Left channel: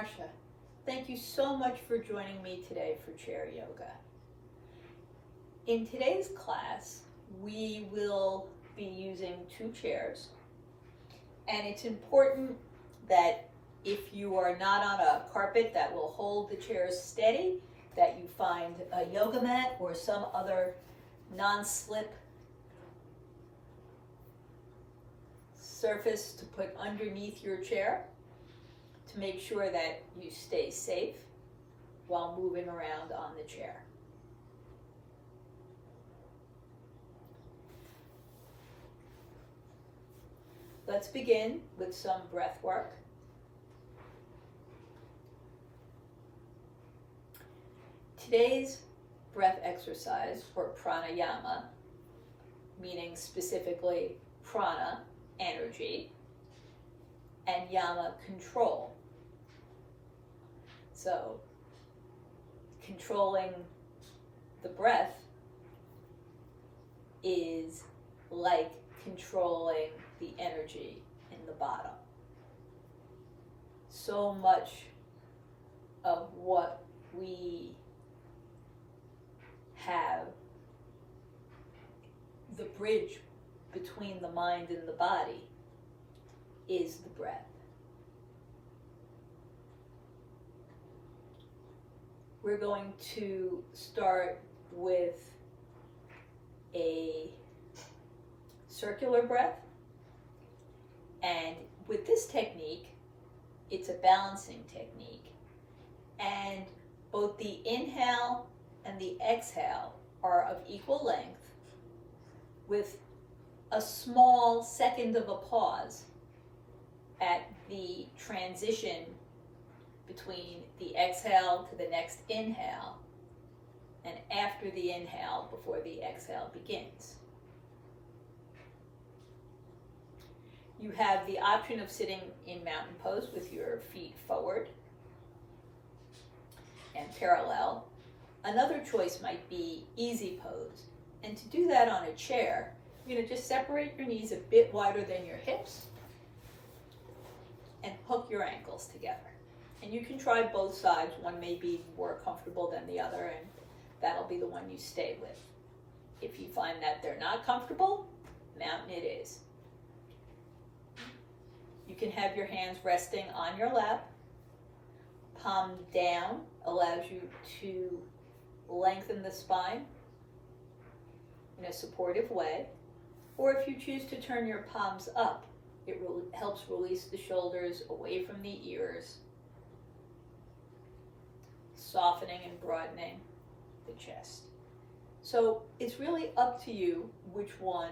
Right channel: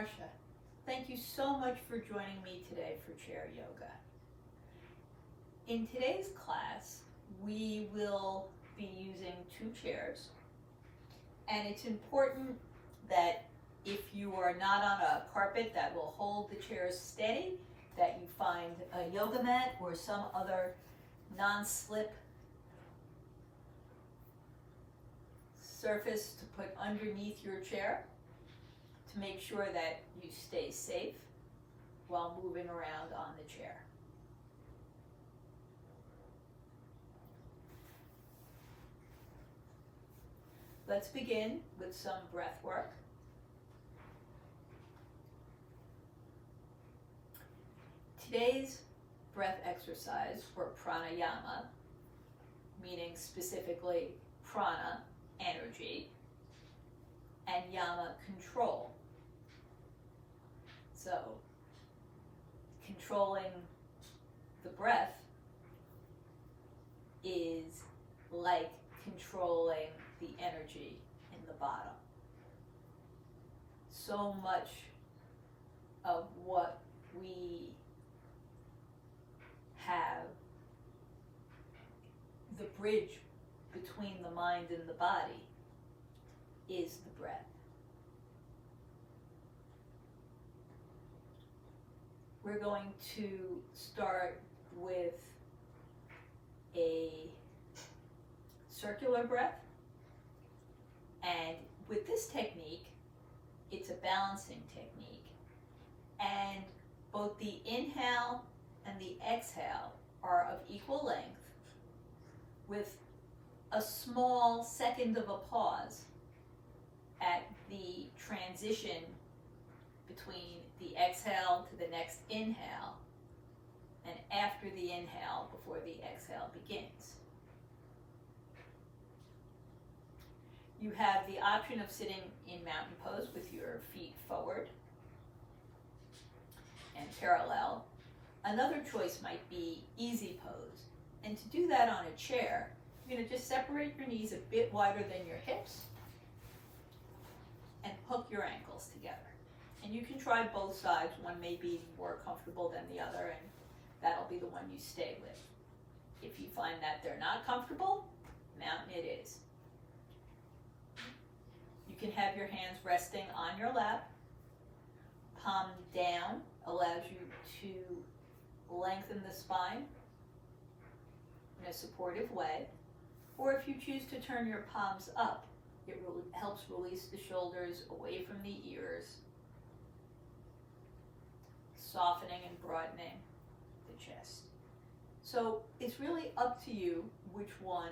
Marcia. Thank you so much for joining me today for chair yoga. In today's class, we will be using 2 chairs, and it's important that if you are not on a carpet that will hold the chairs steady, that you find a yoga mat or some other non-slip surface to put underneath your chair to make sure that you stay safe while moving around on the chair. Let's begin with some breath work. Today's breath exercise, or pranayama, meaning specifically prana, energy, and yama, control. So, controlling the breath is like controlling the energy in the bottom. So much of what we have, the bridge between the mind and the body, is the breath. We're going to start with a circular breath, and with this technique, it's a balancing technique, and both the inhale and the exhale are of equal length, with a small second of a pause at the transition between the exhale to the next inhale, and after the inhale before the exhale begins. You have the option of sitting in mountain pose with your feet forward and parallel. Another choice might be easy pose. And to do that on a chair, you're going to just separate your knees a bit wider than your hips and hook your ankles together. And you can try both sides. One may be more comfortable than the other, and that'll be the one you stay with. If you find that they're not comfortable, mountain it is. You can have your hands resting on your lap. Palm down allows you to lengthen the spine in a supportive way. Or if you choose to turn your palms up, it helps release the shoulders away from the ears, softening and broadening the chest. So it's really up to you which one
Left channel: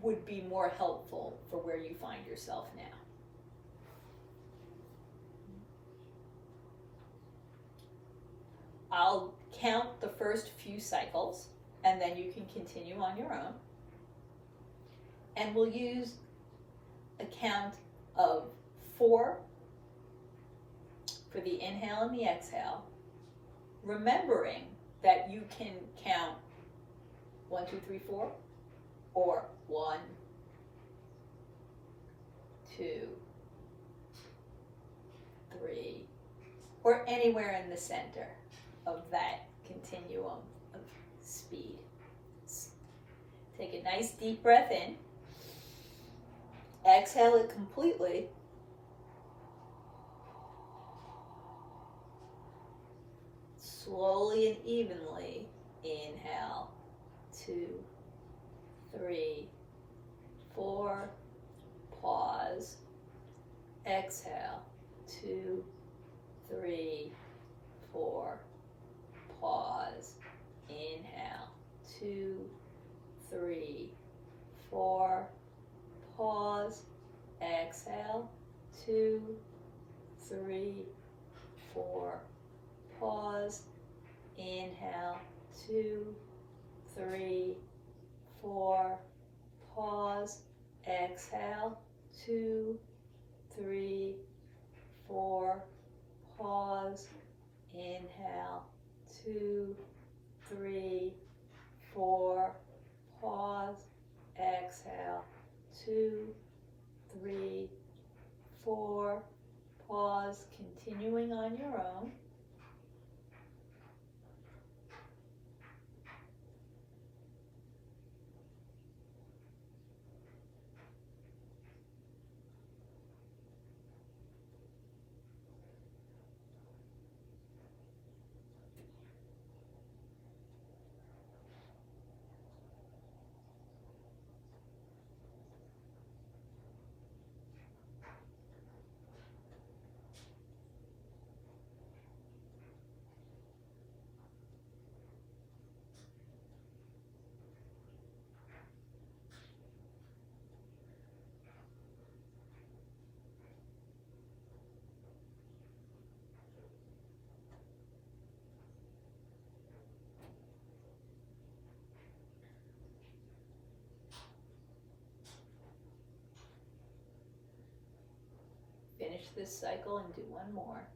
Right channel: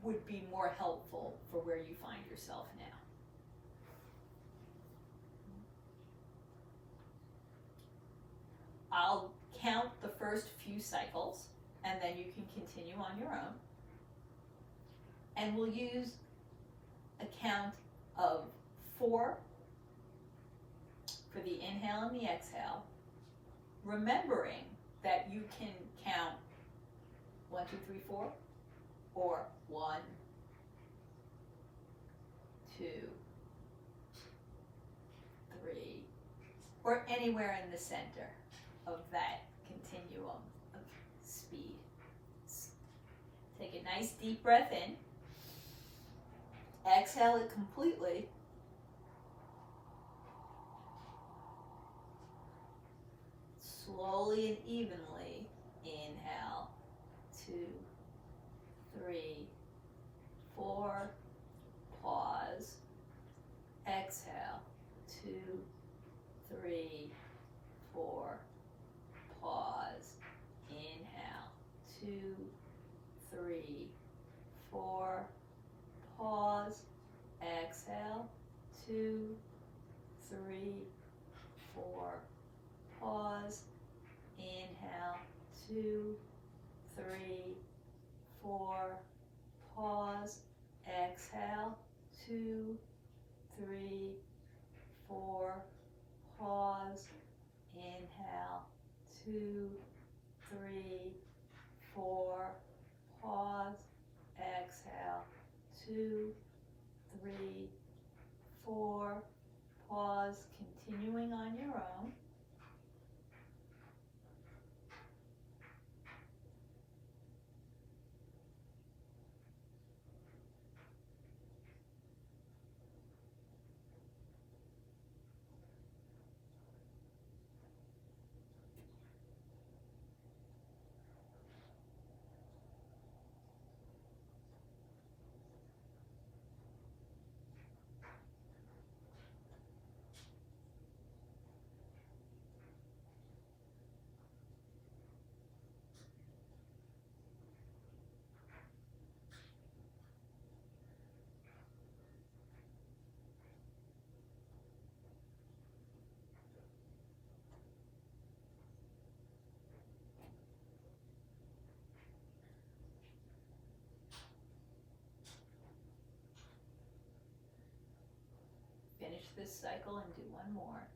would be more helpful for where you find yourself now. I'll count the first few cycles, and then you can continue on your own. And we'll use a count of 4 for the inhale and the exhale, remembering that you can count 1, 2, 3, 4, or 1, 2, 3, or anywhere in the center of that continuum of speed. Take a nice deep breath in. Exhale it completely. Slowly and evenly inhale. 2, 3, 4. Pause. Exhale. 2, 3, 4. Pause. Inhale. 2, 3, 4. Pause. Exhale. 2, 3, 4. Pause. Inhale. 2, 3, 4. Pause. Exhale. 2, 3, 4. Pause. Inhale. 2, 3, 4. Pause. Exhale. 2, 3, 4. Pause. continuing on your own. Finish this cycle and do one more.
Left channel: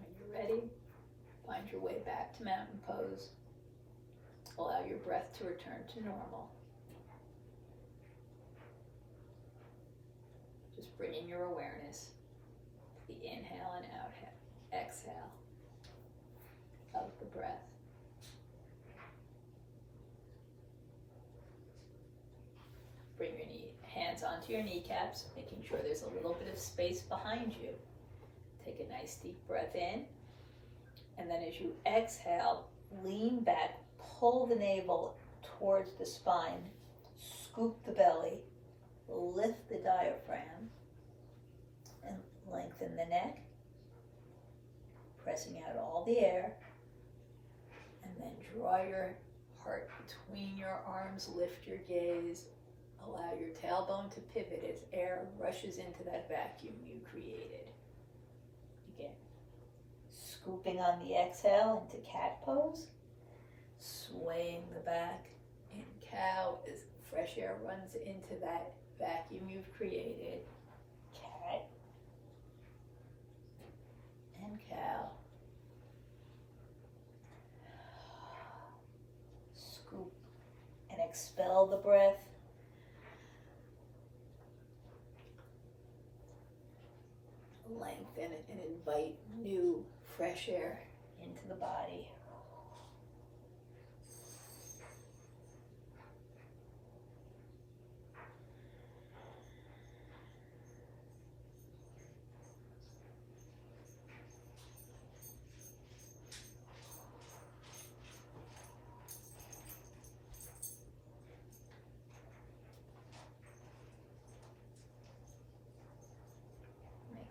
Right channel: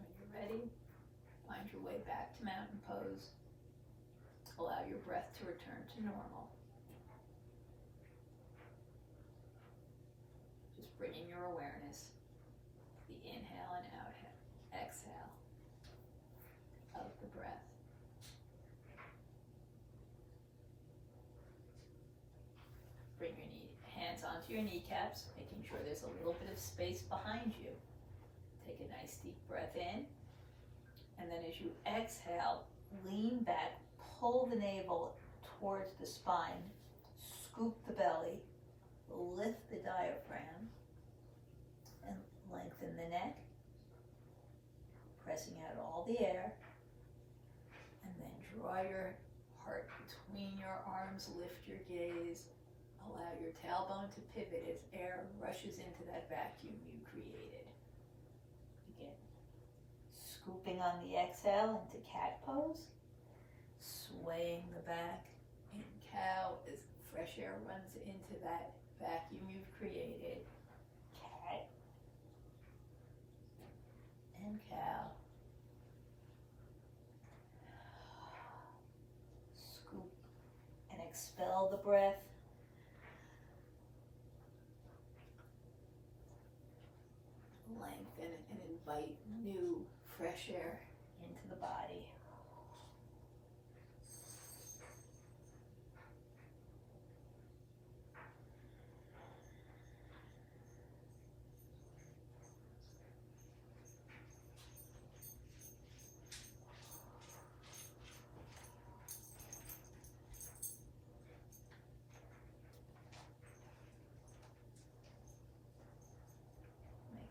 When you're ready, find your way back to mountain pose. Allow your breath to return to normal. Just bringing your awareness to the inhale and exhale of the breath. Bring your hands onto your kneecaps, making sure there's a little bit of space behind you. Take a nice deep breath in, and then as you exhale, lean back, pull the navel towards the spine, scoop the belly, lift the diaphragm, and lengthen the neck, pressing out all the air, and then draw your heart between your arms, lift your gaze, allow your tailbone to pivot as air rushes into that vacuum you created. Again, scooping on the exhale into cat pose, swaying the back in cow as fresh air runs into that vacuum you've created. Cat and cow. Scoop and expel the breath. Lengthen and invite new fresh air into the body.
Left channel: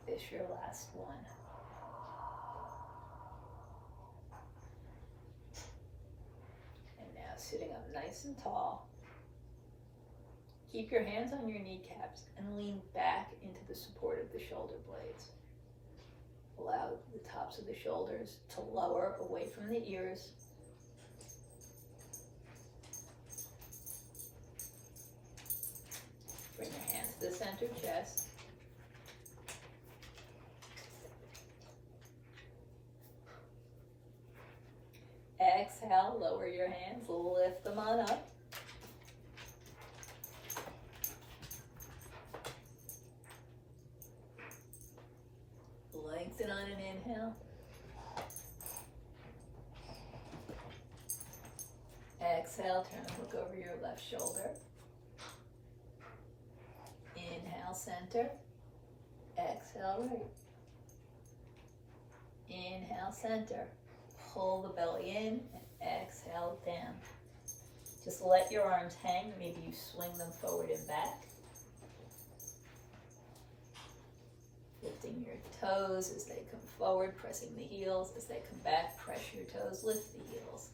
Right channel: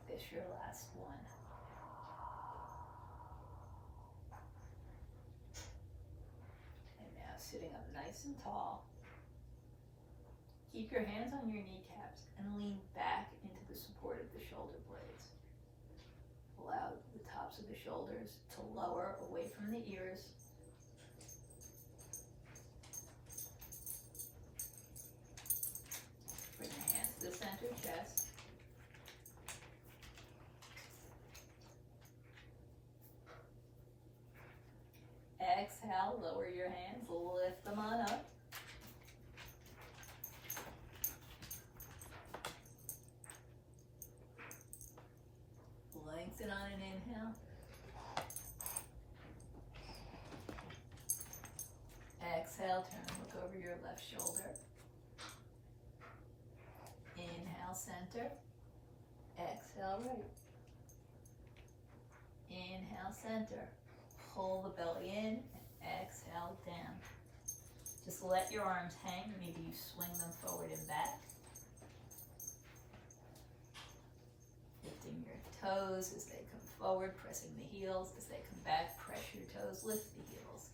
This your last one. And now sitting up nice and tall. Keep your hands on your kneecaps and lean back into the support of the shoulder blades. Allow the tops of the shoulders to lower away from the ears. Bring your hands to the center chest. Exhale, lower your hands, lift them on up. Lengthen on an inhale. Exhale, turn and look over your left shoulder. Inhale, center. Exhale, right. Inhale, center. Pull the belly in and exhale down. Just let your arms hang. Maybe you swing them forward and back. Lifting your toes as they come forward, pressing the heels. As they come back, press your toes, lift the heels.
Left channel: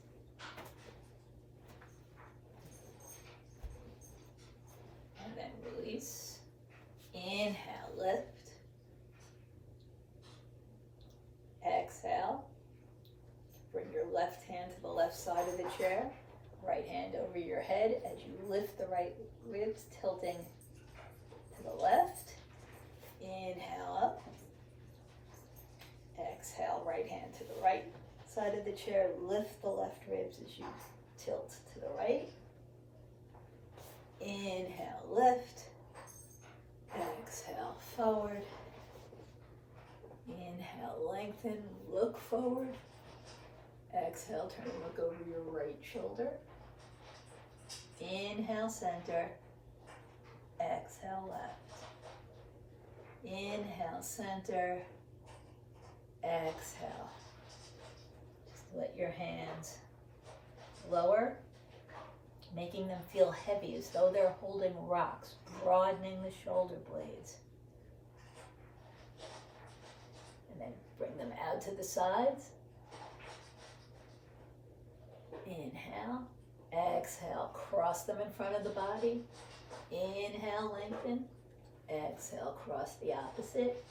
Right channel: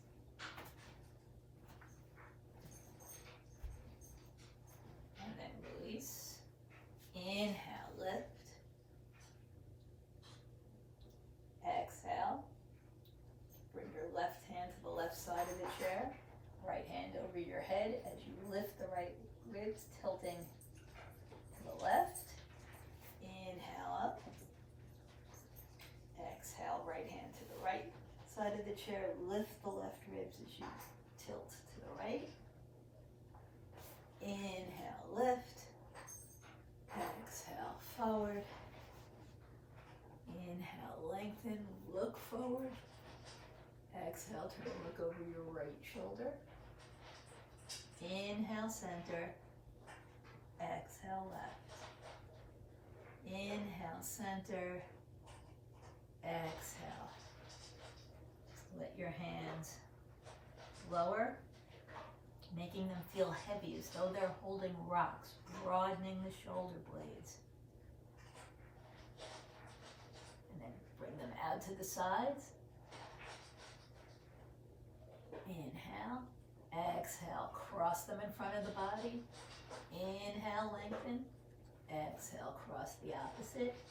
And then release. Inhale, lift. Exhale. Bring your left hand to the left side of the chair, right hand over your head as you lift the right ribs, tilting to the left. Inhale up. Exhale, right hand to the right side of chair, lift the left ribs as you tilt to the right. Inhale, lift. Exhale, forward. Inhale, lengthen, look forward. Exhale, turn and look over your right shoulder. Inhale, center. Exhale, left. Inhale, center. Exhale. Just let your hands lower, making them feel heavy as though they're holding rocks, broadening the shoulder blades. And then bring them out to the sides. Inhale, exhale, cross them in front of the body. Inhale, lengthen. Exhale, cross the opposite.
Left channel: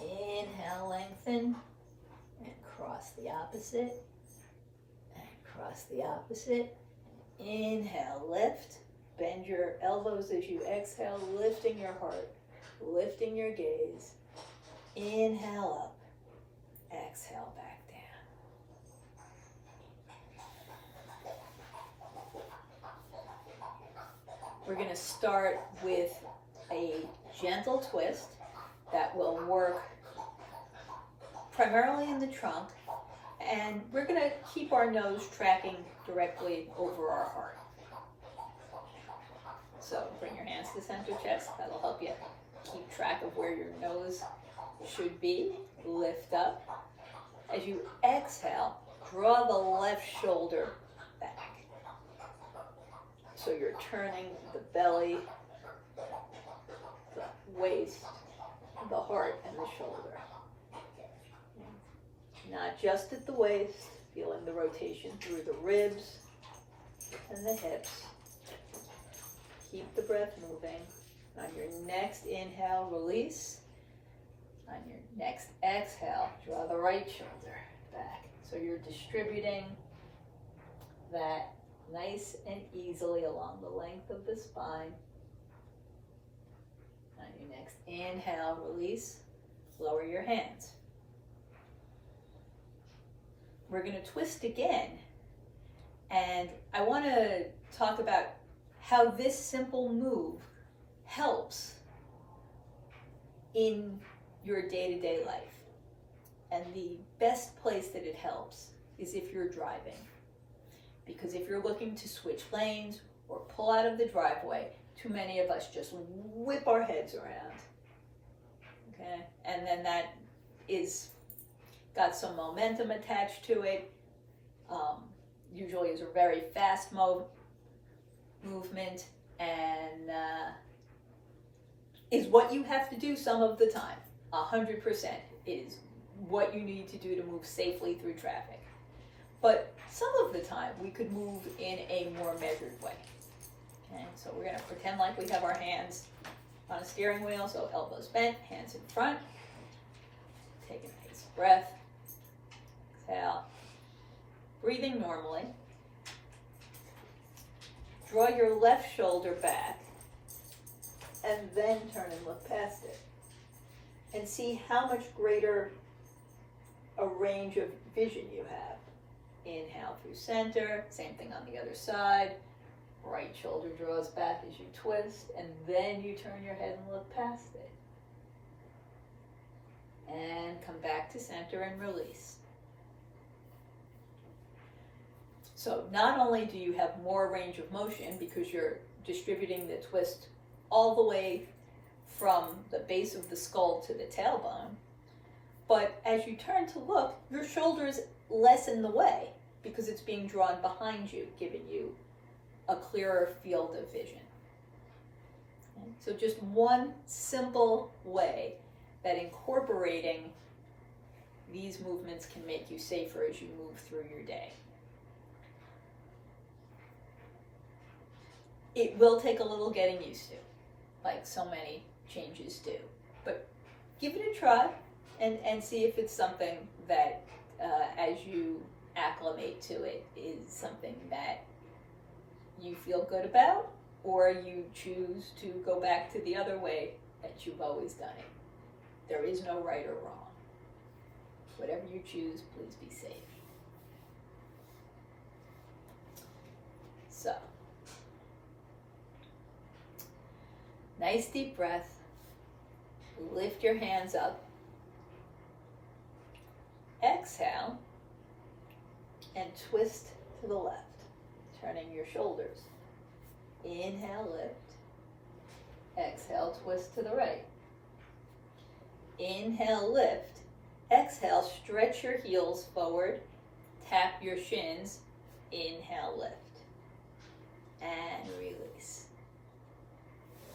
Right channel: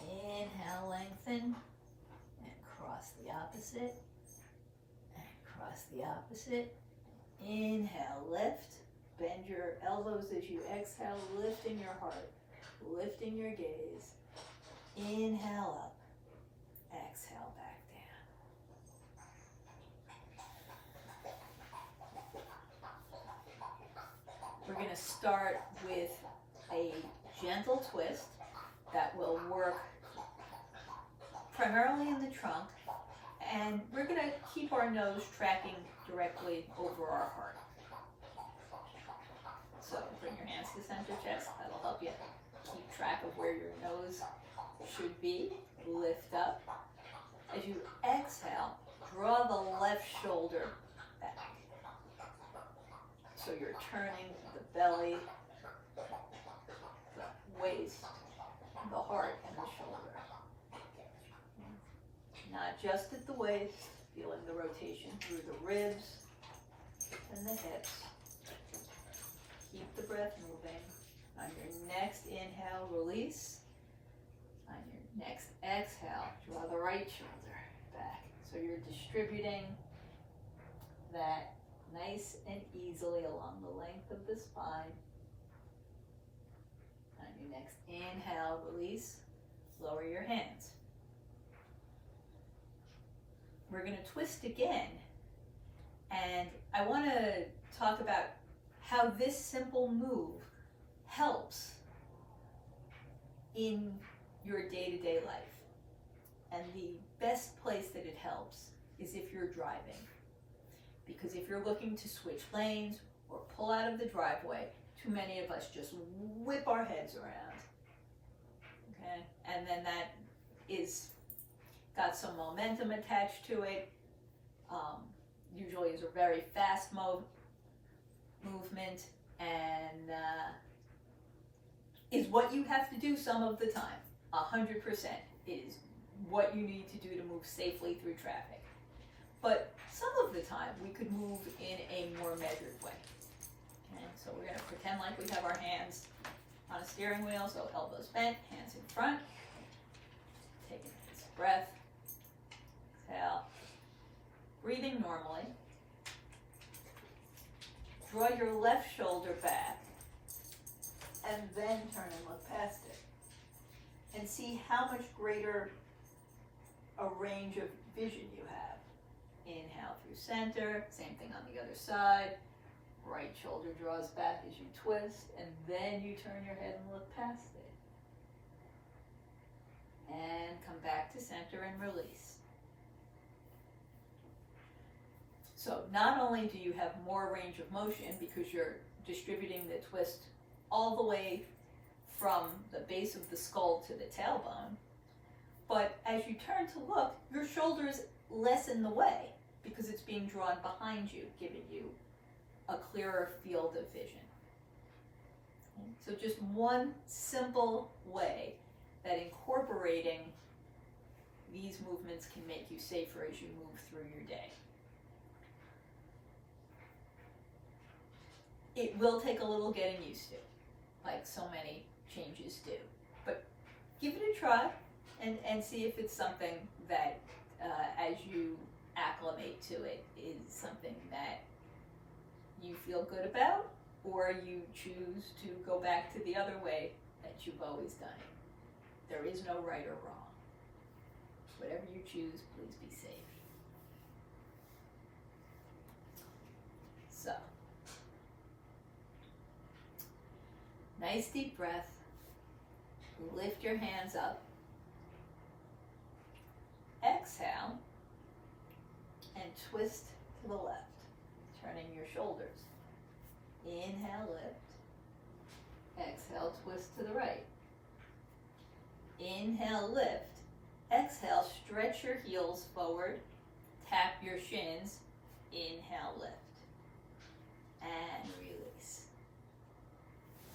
Inhale, lengthen. And cross the opposite. And cross the opposite. Inhale, lift. Bend your elbows as you exhale, lifting your heart, lifting your gaze. Inhale up. Exhale back down. We're going to start with a gentle twist that will work primarily in the trunk, and we're going to keep our nose tracking directly over our heart. So bring your hands to center chest. That'll help you keep track of where your nose should be. Lift up. As you exhale, draw the left shoulder back. So you're turning the belly, the waist, the heart, and the shoulder. Not just at the waist, feeling the rotation through the ribs and the hips. Keep the breath moving. On your next inhale, release. On your next exhale, draw the right shoulder back. So you're distributing that nice and easily along the length of the spine. On your next inhale, release. Lower your hands. We're going to twist again. And I want to talk about how this simple move helps in your day-to-day life. And the best place that it helps is if you're driving. Because if you're looking to switch lanes or pull out of the driveway, too many of us just whip our heads around. Okay? And then that is got some momentum attached to it. Usually is a very fast movement, and is what you have to do some of the time. 100% is what you need to do to move safely through traffic. But some of the time we could move in a more measured way. Okay, so we're going to pretend like we have our hands on a steering wheel, so elbows bent, hands in front. Take a nice breath. Exhale. Breathing normally. Draw your left shoulder back and then turn and look past it. And see how much greater a range of vision you have. Inhale through center, same thing on the other side. Right shoulder draws back as you twist, and then you turn your head and look past it. And come back to center and release. So not only do you have more range of motion because you're distributing the twist all the way from the base of the skull to the tailbone, but as you turn to look, your shoulders lessen the way because it's being drawn behind you, giving you a clearer field of vision. Okay? So just one simple way that incorporating these movements can make you safer as you move through your day. It will take a little getting used to, like so many changes do. But give it a try and see if it's something that, as you acclimate to it, is something that you feel good about, or you choose to go back to the other way that you've always done it. There is no right or wrong. Whatever you choose, please be safe. hands up. Nice deep breath. Lift your hands up. Exhale and twist to the left, turning your shoulders. Inhale, lift. Exhale, twist to the right. Inhale, lift. Exhale, stretch your heels forward. Tap your shins. Inhale, lift. And release.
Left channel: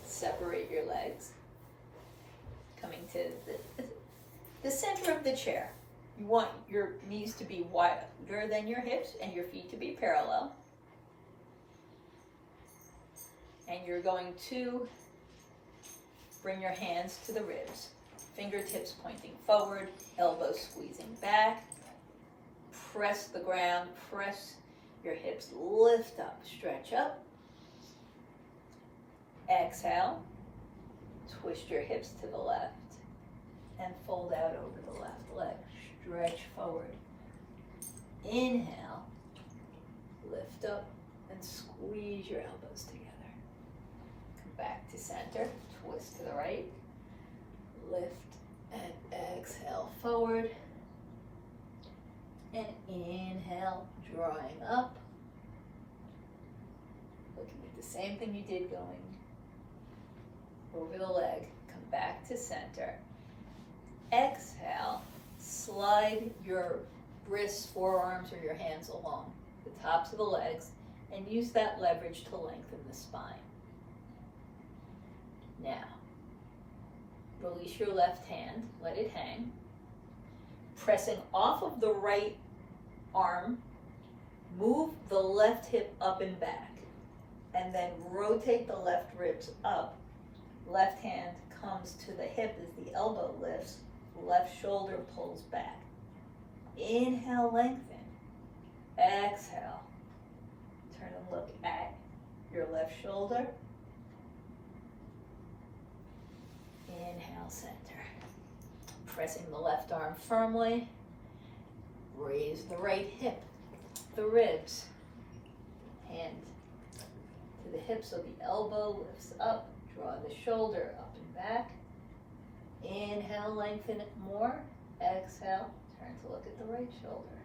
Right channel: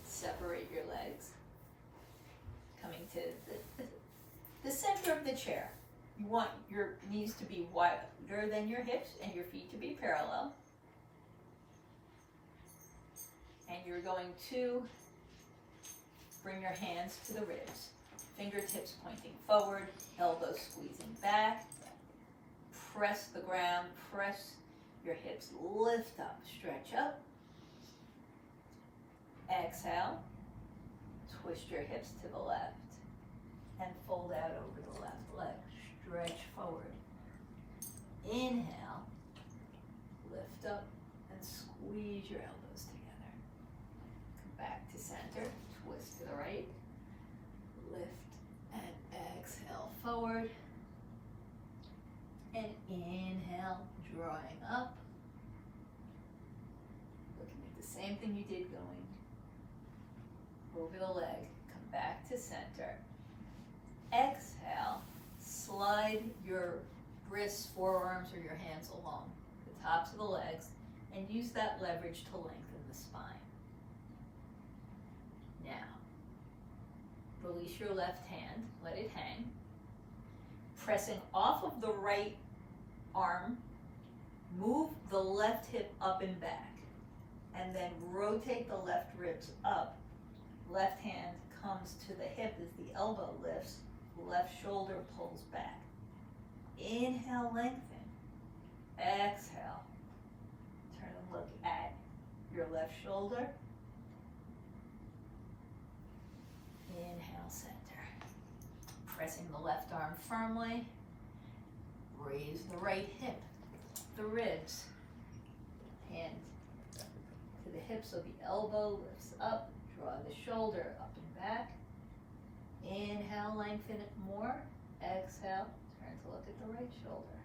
Separate your legs. Coming to the center of the chair. You want your knees to be wider than your hips and your feet to be parallel. And you're going to bring your hands to the ribs. Fingertips pointing forward, elbows squeezing back. Press the ground, press your hips, lift up, stretch up. Exhale, twist your hips to the left and fold out over the left leg. Stretch forward. Inhale, lift up and squeeze your elbows together. Come back to center, twist to the right, lift and exhale forward. And inhale, drawing up. Looking at the same thing you did going over the leg. Come back to center. Exhale, slide your wrists, forearms, or your hands along the tops of the legs and use that leverage to lengthen the spine. Now, release your left hand, let it hang. Pressing off of the right arm, move the left hip up and back, and then rotate the left ribs up. Left hand comes to the hip as the elbow lifts, left shoulder pulls back. Inhale, lengthen. Exhale. Turn and look at your left shoulder. Inhale, center. Pressing the left arm firmly. Raise the right hip, the ribs. Hand to the hip so the elbow lifts up. Draw the shoulder up and back. Inhale, lengthen it more. Exhale, turn to look at the right shoulder.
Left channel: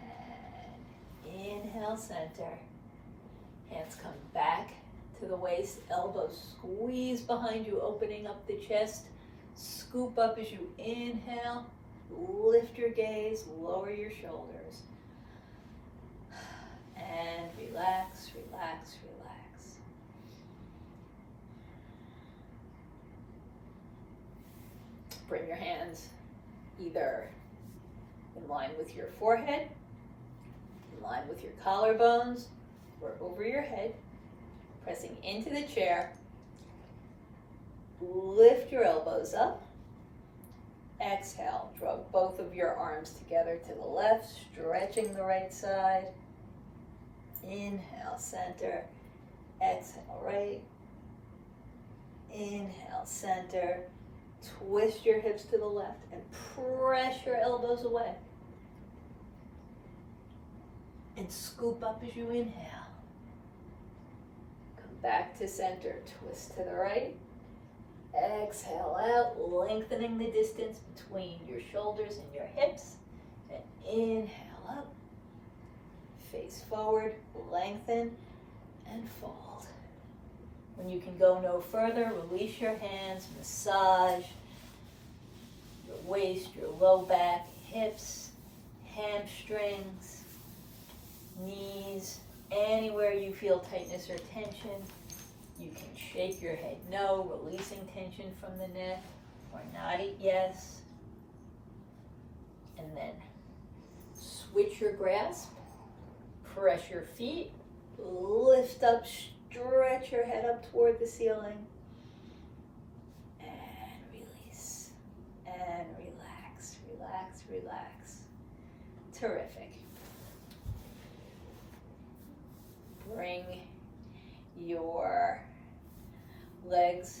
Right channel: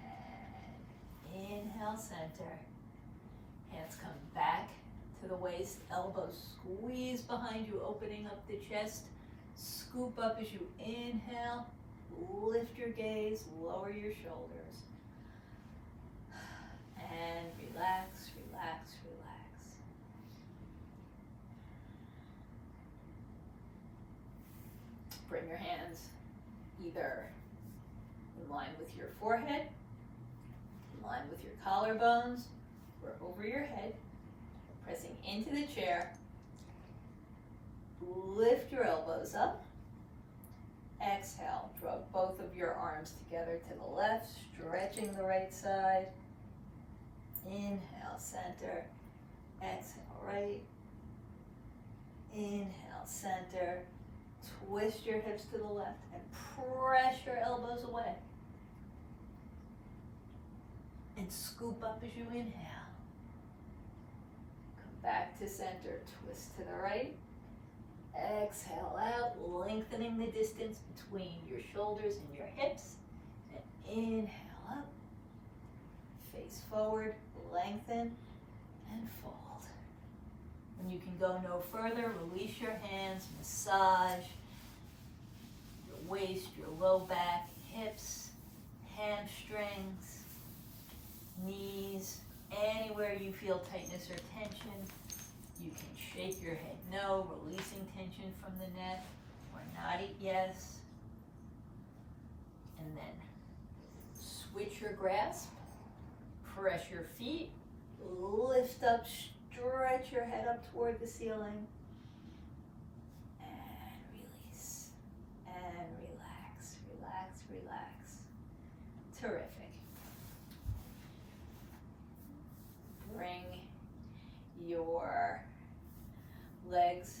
And inhale, center. Hands come back to the waist. Elbows squeeze behind you, opening up the chest. Scoop up as you inhale. Lift your gaze, lower your shoulders. And relax, relax, relax. Bring your hands either in line with your forehead, in line with your collarbones, or over your head, pressing into the chair. Lift your elbows up. Exhale, draw both of your arms together to the left, stretching the right side. Inhale, center. Exhale, right. Inhale, center. Twist your hips to the left and press your elbows away. And scoop up as you inhale. Come back to center, twist to the right. Exhale out, lengthening the distance between your shoulders and your hips. And inhale up, face forward, lengthen, and fold. When you can go no further, release your hands, massage your waist, your low back, hips, hamstrings, knees, anywhere you feel tightness or tension. You can shake your head no, releasing tension from the neck, or nod it yes. And then switch your grasp, press your feet, lift up, stretch your head up toward the ceiling, and release, and relax, relax, relax. Terrific. Bring your legs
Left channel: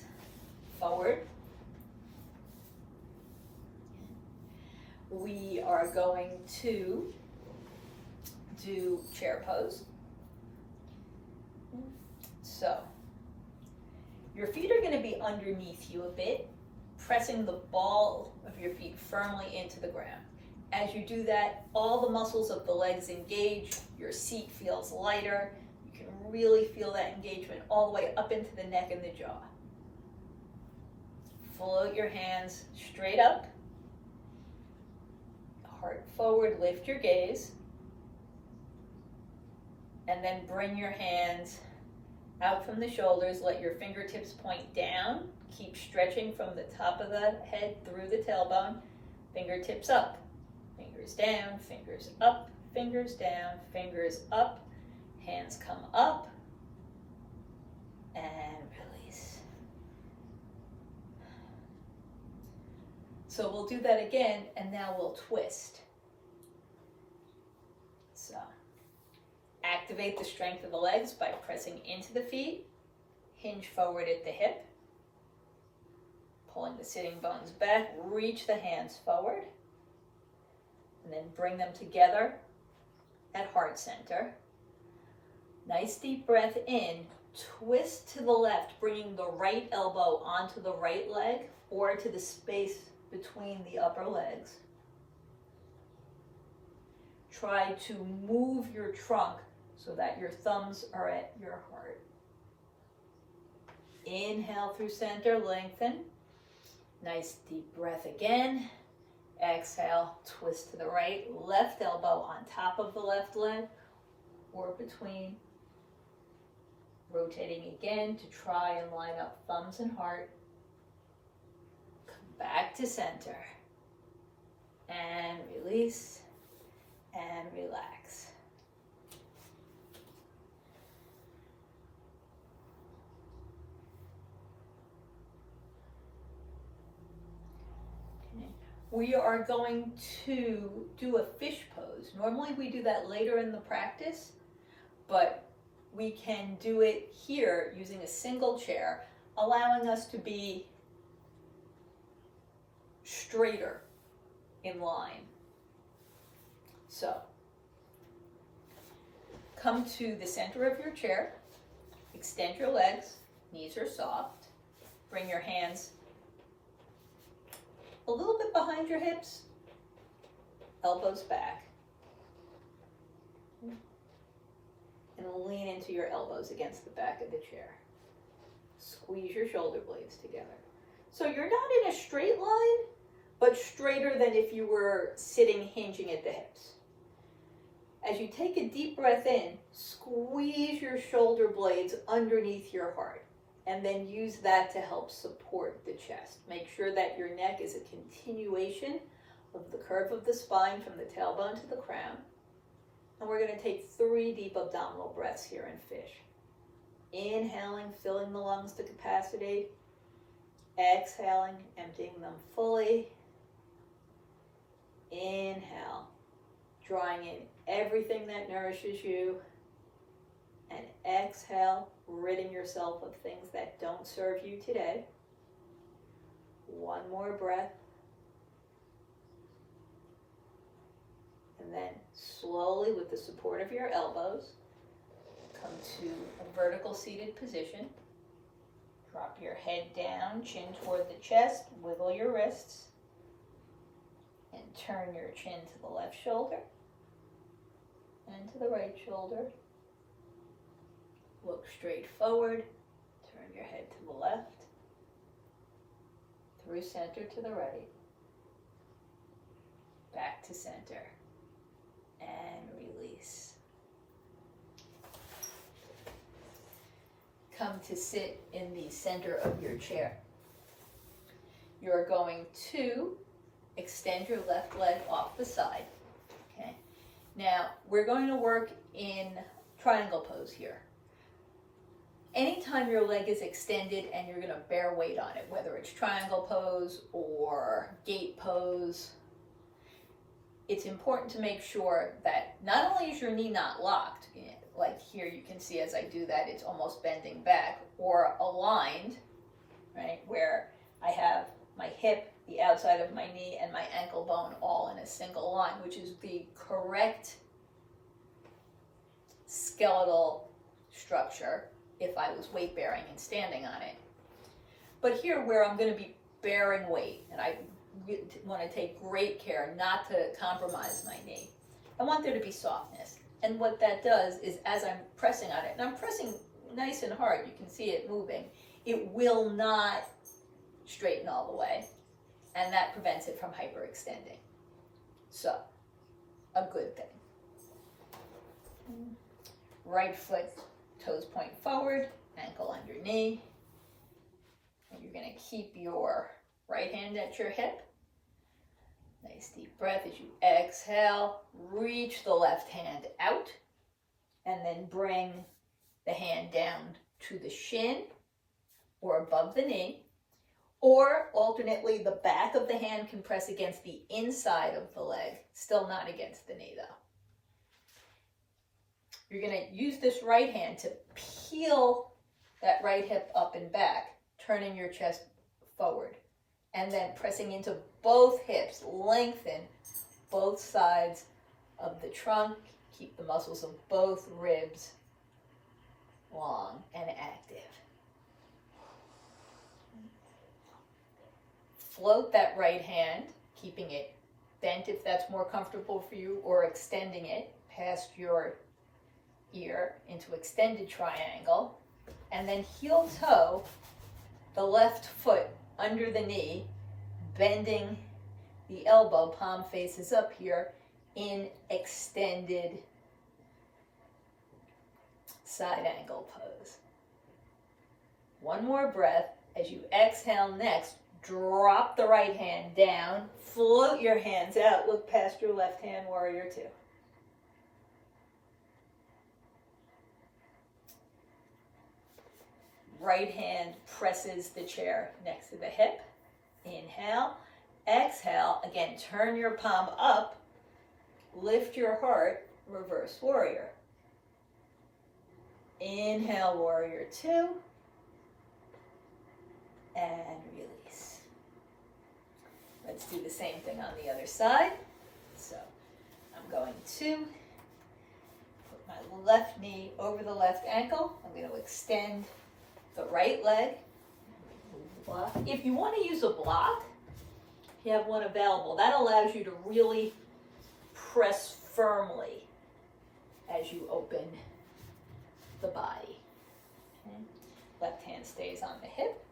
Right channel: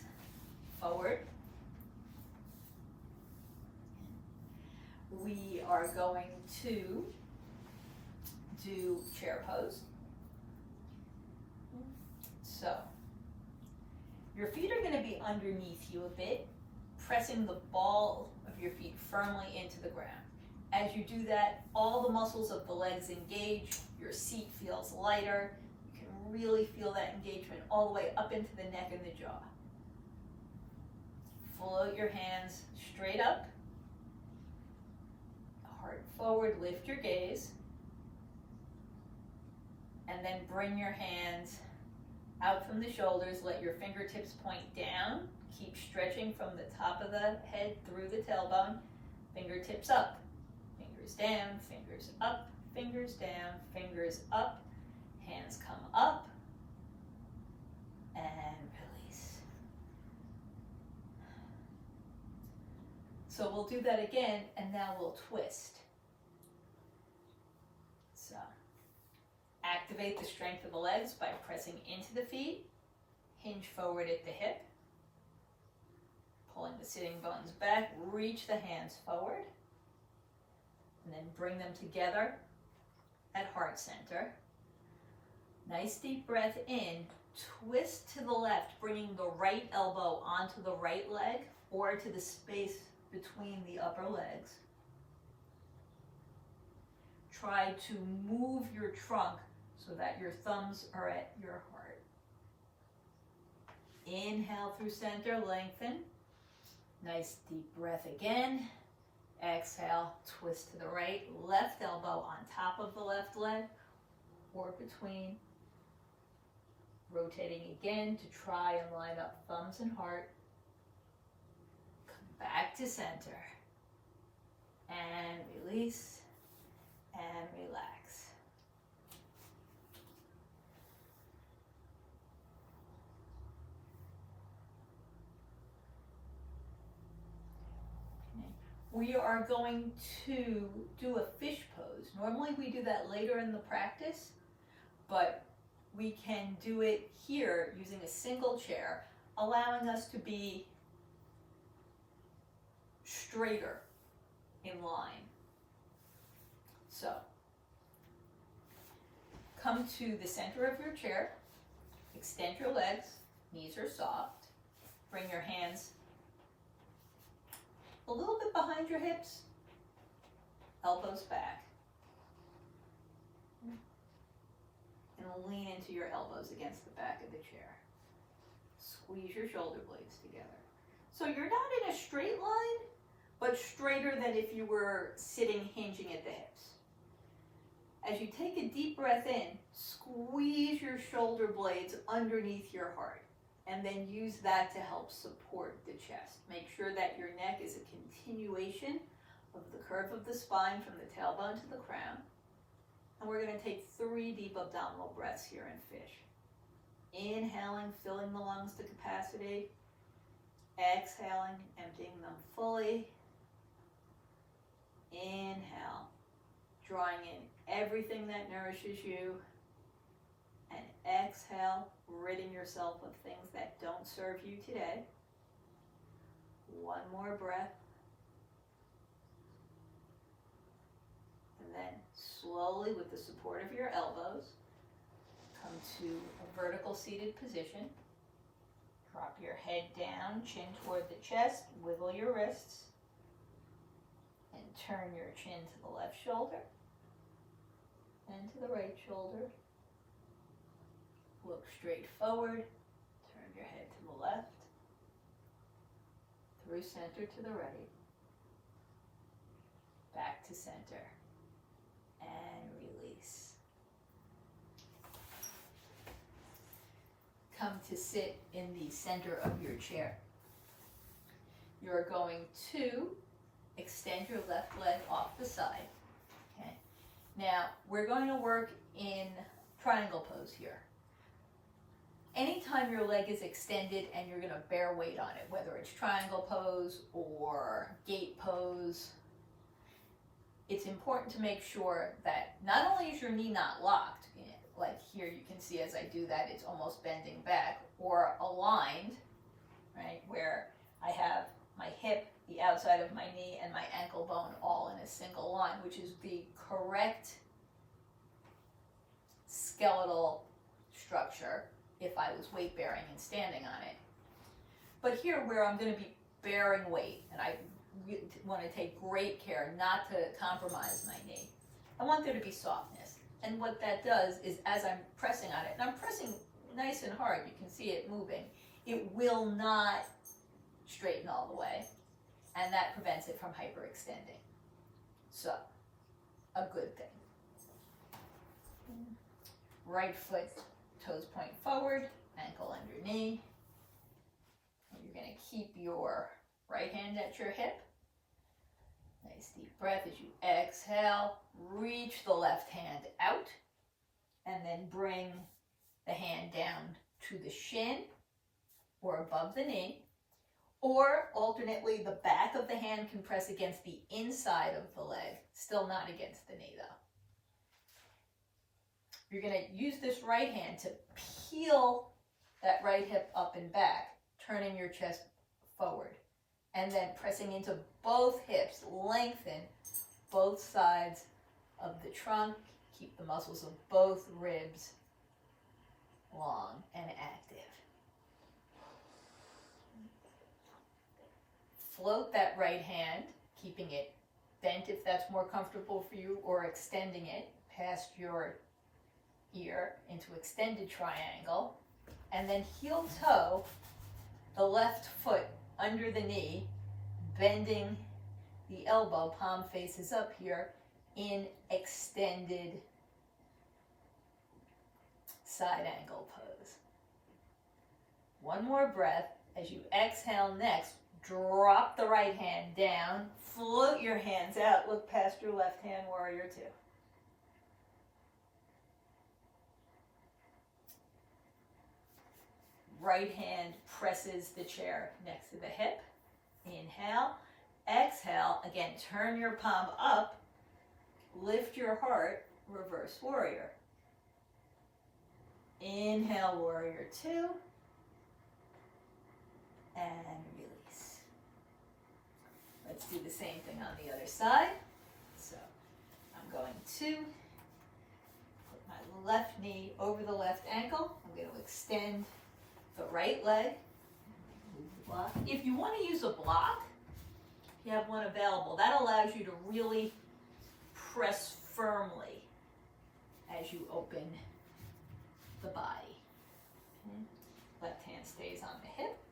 forward. We are going to do chair pose. So, your feet are going to be underneath you a bit, pressing the ball of your feet firmly into the ground. As you do that, all the muscles of the legs engage, your seat feels lighter, you can really feel that engagement all the way up into the neck and the jaw. Float your hands straight up, heart forward, lift your gaze, and then bring your hands out from the shoulders, let your fingertips point down, keep stretching from the top of the head through the tailbone, fingertips up, fingers down, fingers up, fingers down, fingers up, hands come up, and release. So we'll do that again, and now we'll twist. So, activate the strength of the legs by pressing into the feet, hinge forward at the hip, pulling the sitting bones back, reach the hands forward, and then bring them together at heart center. Nice deep breath in, twist to the left, bringing the right elbow onto the right leg or to the space between the upper legs. Try to move your trunk so that your thumbs are at your heart. Inhale through center, lengthen. Nice deep breath again. Exhale, twist to the right, left elbow on top of the left leg or between. Rotating again to try and line up thumbs and heart. Come back to center. And release and relax. We are going to do a fish pose. Normally we do that later in the practice, but we can do it here using a single chair, allowing us to be straighter in line. So, come to the center of your chair, extend your legs, knees are soft, bring your hands a little bit behind your hips, elbows back, and lean into your elbows against the back of the chair. Squeeze your shoulder blades together. So you're not in a straight line, but straighter than if you were sitting hinging at the hips. As you take a deep breath in, squeeze your shoulder blades underneath your heart, and then use that to help support the chest. Make sure that your neck is a continuation of the curve of the spine from the tailbone to the crown. And we're going to take 3 deep abdominal breaths here in fish. Inhaling, filling the lungs to capacity. Exhaling, emptying them fully. Inhale, drawing in everything that nourishes you. And exhale, ridding yourself of things that don't serve you today. 1 more breath. And then slowly, with the support of your elbows, come to a vertical seated position. Drop your head down, chin toward the chest, wiggle your wrists, and turn your chin to the left shoulder and to the right shoulder. Look straight forward, turn your head to the left, through center to the right, back to center, and release. Come to sit in the center of your chair. You're going to extend your left leg off the side. Okay. Now, we're going to work in triangle pose here. Anytime your leg is extended and you're going to bear weight on it, whether it's triangle pose or gate pose, it's important to make sure that not only is your knee not locked, like here you can see as I do that, it's almost bending back, or aligned, right, where I have my hip, the outside of my knee, and my ankle bone all in a single line, which is the correct skeletal structure. if I was weight bearing and standing on it. But here where I'm going to be bearing weight, and I want to take great care not to compromise my knee, I want there to be softness. And what that does is as I'm pressing on it, and I'm pressing nice and hard, you can see it moving, it will not straighten all the way, and that prevents it from hyperextending. So, a good thing. Right foot, toes point forward, ankle under knee. And you're going to keep your right hand at your hip. Nice deep breath as you exhale. Reach the left hand out, and then bring the hand down to the shin or above the knee. Or alternately, the back of the hand can press against the inside of the leg, still not against the knee though. You're going to use this right hand to peel that right hip up and back, turning your chest forward, and then pressing into both hips. Lengthen both sides of the trunk. Keep the muscles of both ribs long and active. Float that right hand, keeping it bent if that's more comfortable for you, or extending it past your ear into extended triangle, and then heel toe the left foot under the knee, bending the elbow, palm faces up here in extended side angle pose. One more breath. As you exhale next, drop the right hand down, float your hands out, look past your left hand, warrior two. Right hand presses the chair next to the hip. Inhale, exhale, again, turn your palm up, lift your heart, reverse warrior. Inhale, warrior two, and release. Let's do the same thing on the other side. So I'm going to put my left knee over the left ankle. I'm going to extend the right leg. If you want to use a block, if you have one available, that allows you to really press firmly as you open the body. Okay. Left hand stays on the hip.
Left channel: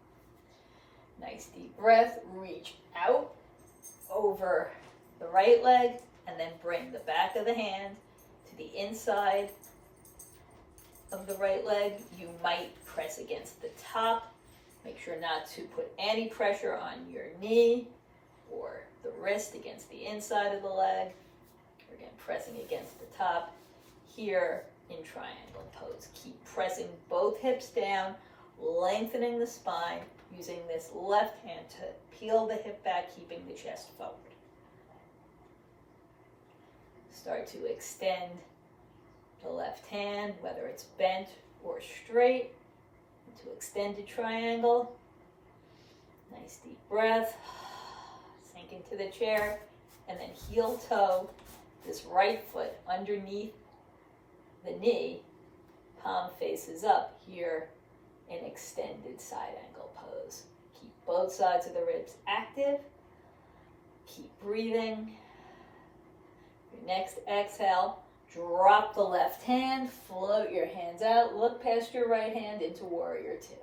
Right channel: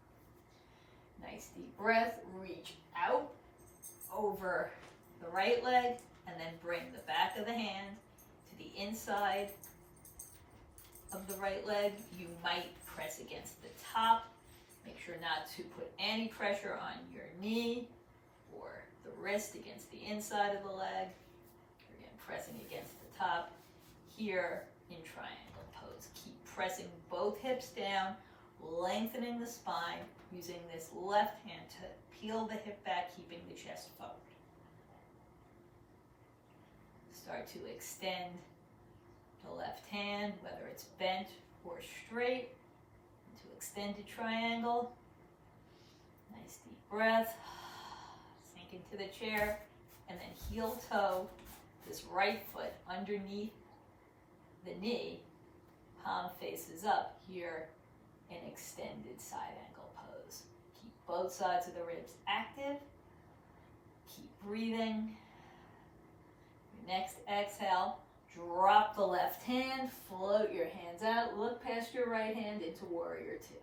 Nice deep breath. Reach out over the right leg, and then bring the back of the hand to the inside of the right leg. You might press against the top. Make sure not to put any pressure on your knee or the wrist against the inside of the leg. Again, pressing against the top here in triangle pose. Keep pressing both hips down, lengthening the spine, using this left hand to peel the hip back, keeping the chest forward. Start to extend the left hand, whether it's bent or straight, into extended triangle. Nice deep breath. Sink into the chair, and then heel toe this right foot underneath the knee, palm faces up here in extended side angle pose. Keep both sides of the ribs active. Keep breathing. Your next exhale, drop the left hand, float your hands out, look past your right hand into warrior two.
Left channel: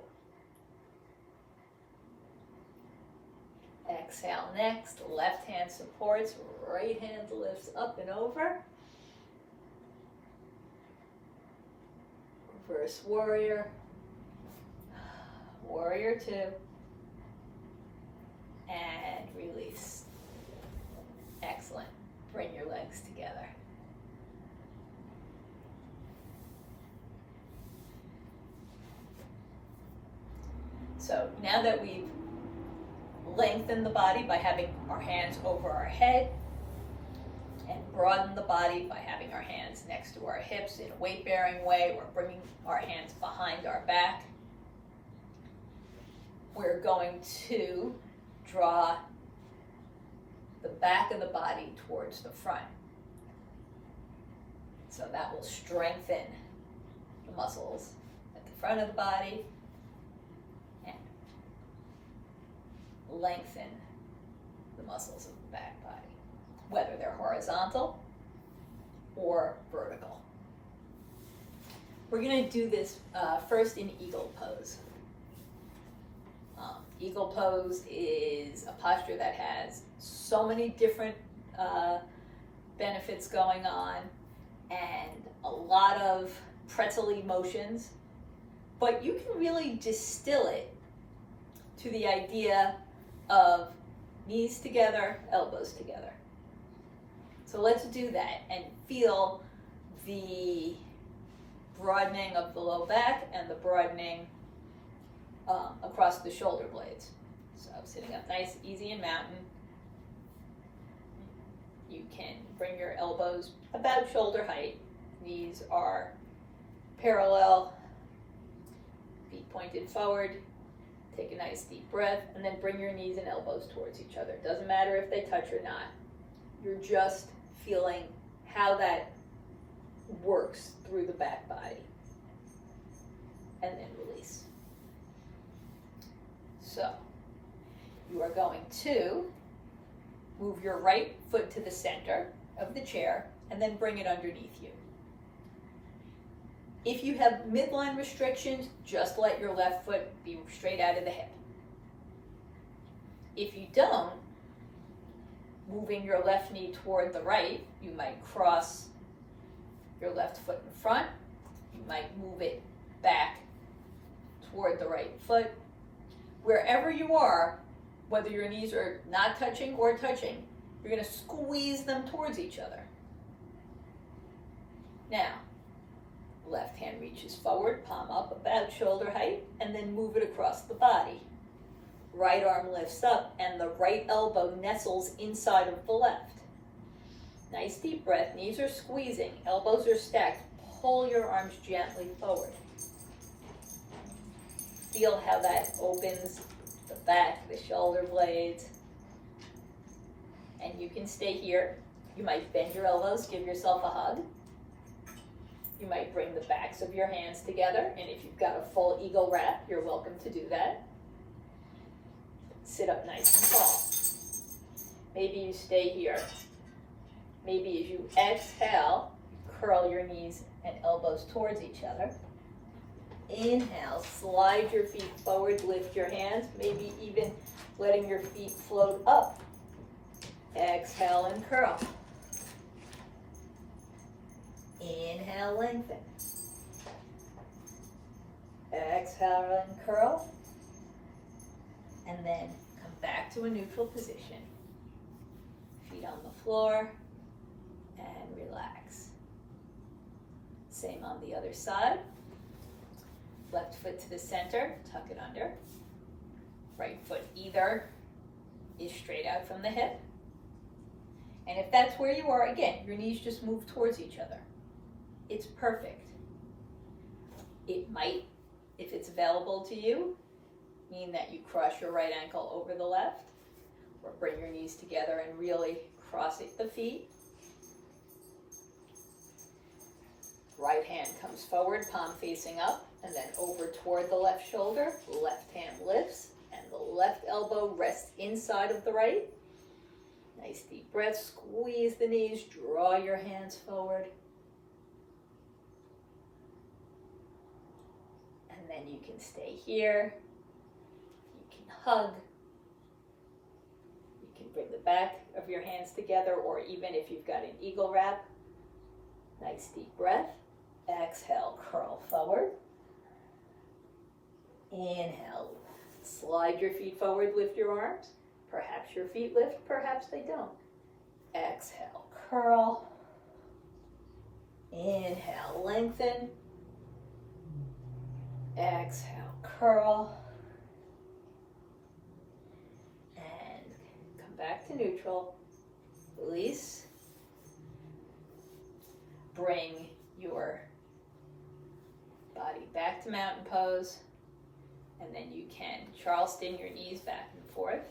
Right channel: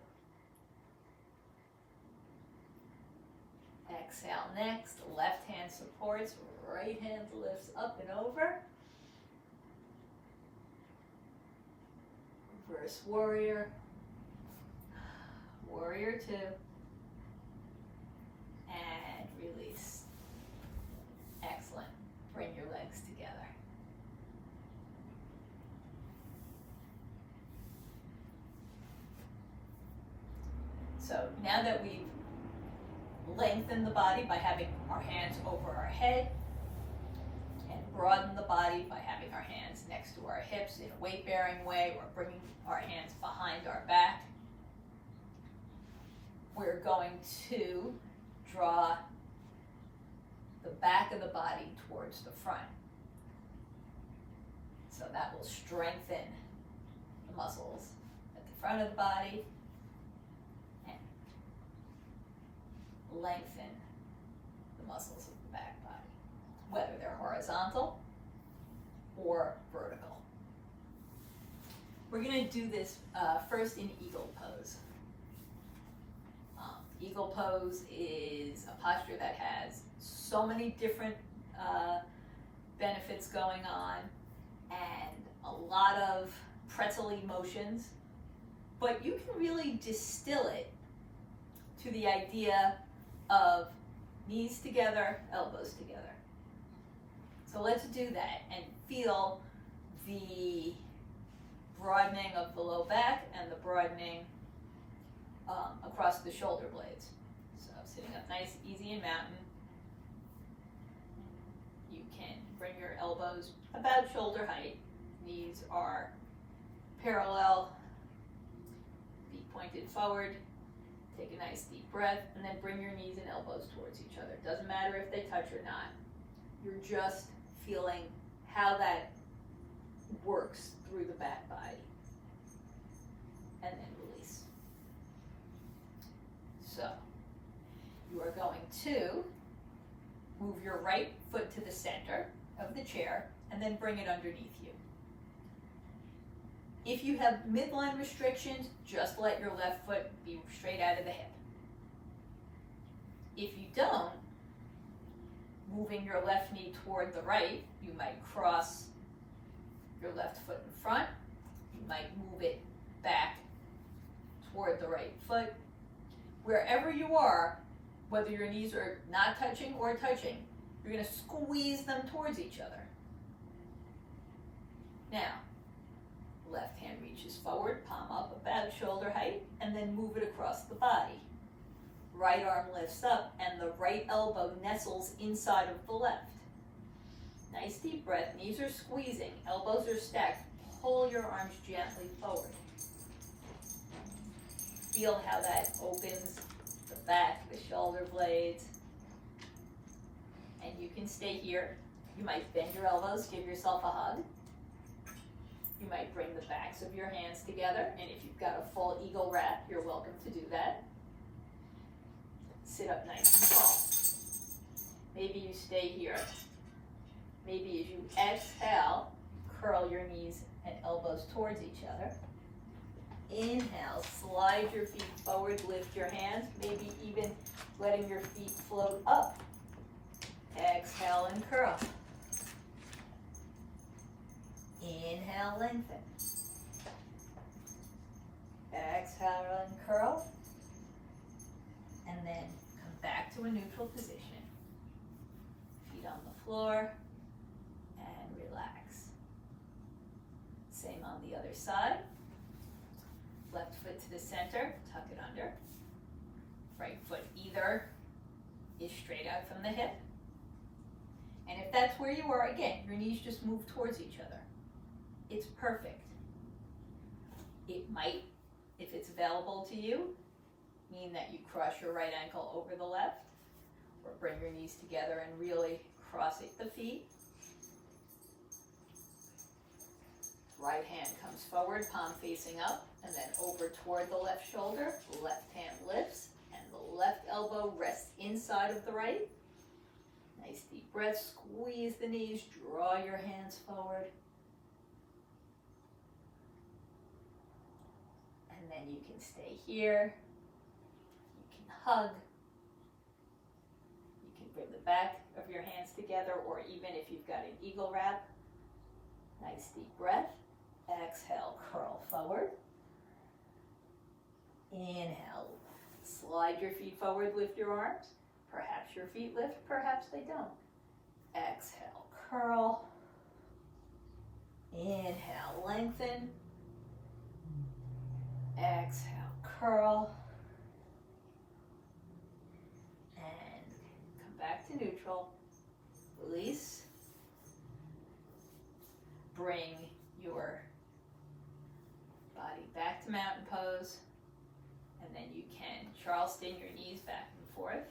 Exhale next, left hand supports, right hand lifts up and over. Reverse warrior, warrior two, and release. Excellent. Bring your legs together. So now that we've lengthened the body by having our hands over our head, and broaden the body by having our hands next to our hips in a weight-bearing way, or bringing our hands behind our back, we're going to draw the back of the body towards the front. So that will strengthen the muscles at the front of the body, and lengthen the muscles of the back body, whether they're horizontal or vertical. We're going to do this first in eagle pose. Eagle pose is a posture that has so many different benefits going on and a lot of pretzel-y motions, but you can really distill it to the idea of knees together, elbows together. So let's do that and feel the broadening of the low back and the broadening across the shoulder blades. So sitting up nice, easy, and mountain. You can bring your elbows about shoulder height. Knees are parallel, feet pointed forward. Take a nice deep breath and then bring your knees and elbows towards each other. Doesn't matter if they touch or not. You're just feeling how that works through the back body. And then release. So, you are going to move your right foot to the center of the chair and then bring it underneath you. If you have midline restrictions, just let your left foot be straight out of the hip. If you don't, moving your left knee toward the right, you might cross your left foot in front. You might move it back toward the right foot. Wherever you are, whether your knees are not touching or touching, you're going to squeeze them towards each other. Now, left hand reaches forward, palm up about shoulder height, and then move it across the body. Right arm lifts up, and the right elbow nestles inside of the left. Nice deep breath, knees are squeezing, elbows are stacked. Pull your arms gently forward. Feel how that opens the back, the shoulder blades. And you can stay here. You might bend your elbows, give yourself a hug. You might bring the backs of your hands together, and if you've got a full eagle wrap, you're welcome to do that. Sit up nice and tall. Maybe you stay here. Maybe as you exhale, curl your knees and elbows towards each other. Inhale, slide your feet forward, lift your hands, maybe even letting your feet float up. Exhale and curl. Inhale, lengthen. Exhale and curl. And then come back to a neutral position. Feet on the floor and relax. Same on the other side. Left foot to the center, tuck it under. Right foot either is straight out from the hip. And if that's where you are, again, your knees just move towards each other. It's perfect. It might, if it's available to you, mean that you cross your right ankle over the left, or bring your knees together and really cross the feet. Right hand comes forward, palm facing up, and then over toward the left shoulder. Left hand lifts, and the left elbow rests inside of the right. Nice deep breath, squeeze the knees, draw your hands forward. And then you can stay here. You can hug. You can bring the back of your hands together, or even if you've got an eagle wrap. Nice deep breath. Exhale, curl forward. Inhale, slide your feet forward, lift your arms. Perhaps your feet lift, perhaps they don't. Exhale, curl. Inhale, lengthen. Exhale, curl. And come back to neutral. Release. Bring your body back to mountain pose. And then you can Charleston your knees back and forth.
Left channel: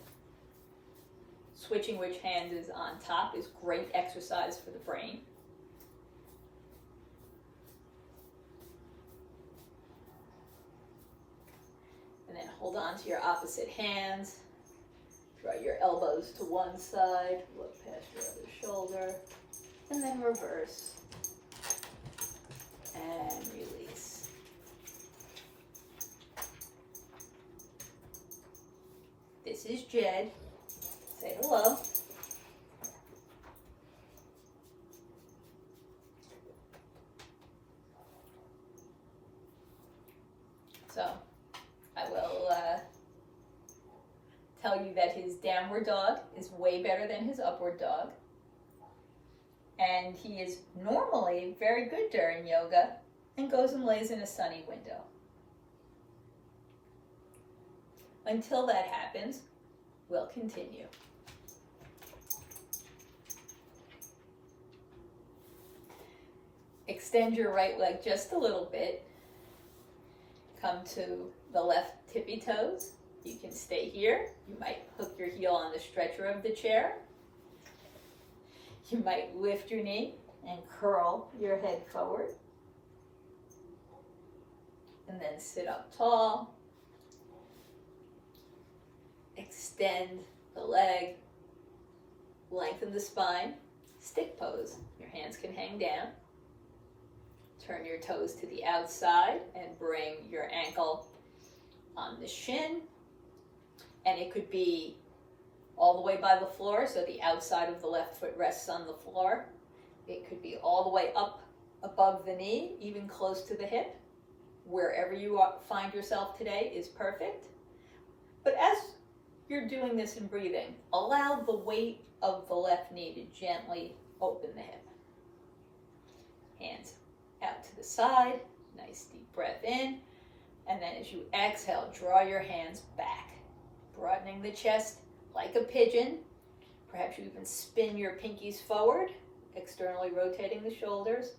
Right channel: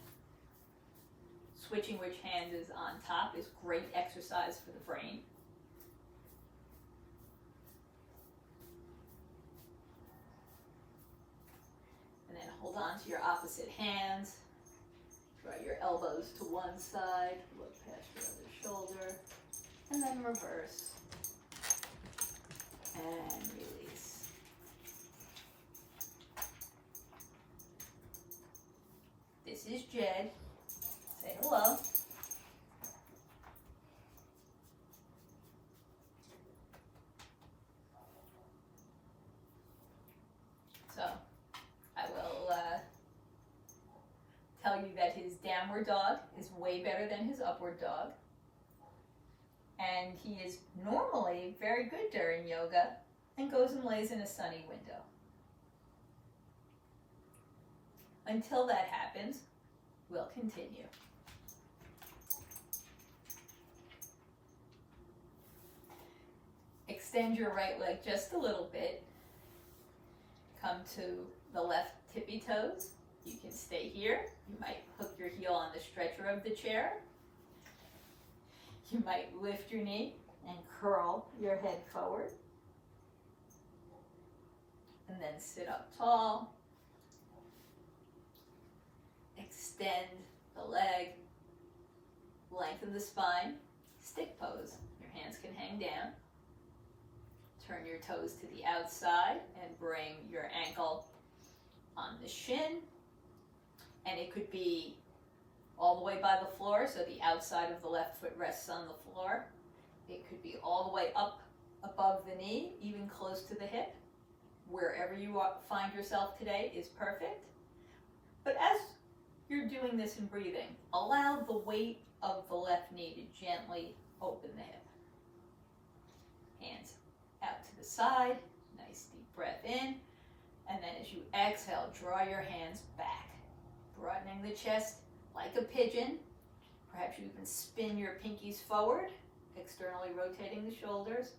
Switching which hand is on top is great exercise for the brain. hold on to your opposite hands. Draw your elbows to one side, look past your other shoulder, and then reverse. And release. This is Jed. Say hello. So I will tell you that his downward dog is way better than his upward dog. And he is normally very good during yoga and goes and lays in a sunny window. Until that happens, we'll continue. Extend your right leg just a little bit. Come to the left tippy toes. You can stay here. You might hook your heel on the stretcher of the chair. You might lift your knee and curl your head forward. And then sit up tall. Extend the leg. Lengthen the spine. Stick pose. Your hands can hang down. Turn your toes to the outside and bring your ankle on the shin. And it could be all the way by the floor, so the outside of the left foot rests on the floor. It could be all the way up above the knee, even close to the hip. Wherever you find yourself today is perfect. But as you're doing this and breathing, allow the weight of the left knee to gently open the hip. Hands out to the side, nice deep breath in. And then as you exhale, draw your hands back, broadening the chest like a pigeon. Perhaps you even spin your pinkies forward, externally rotating the shoulders.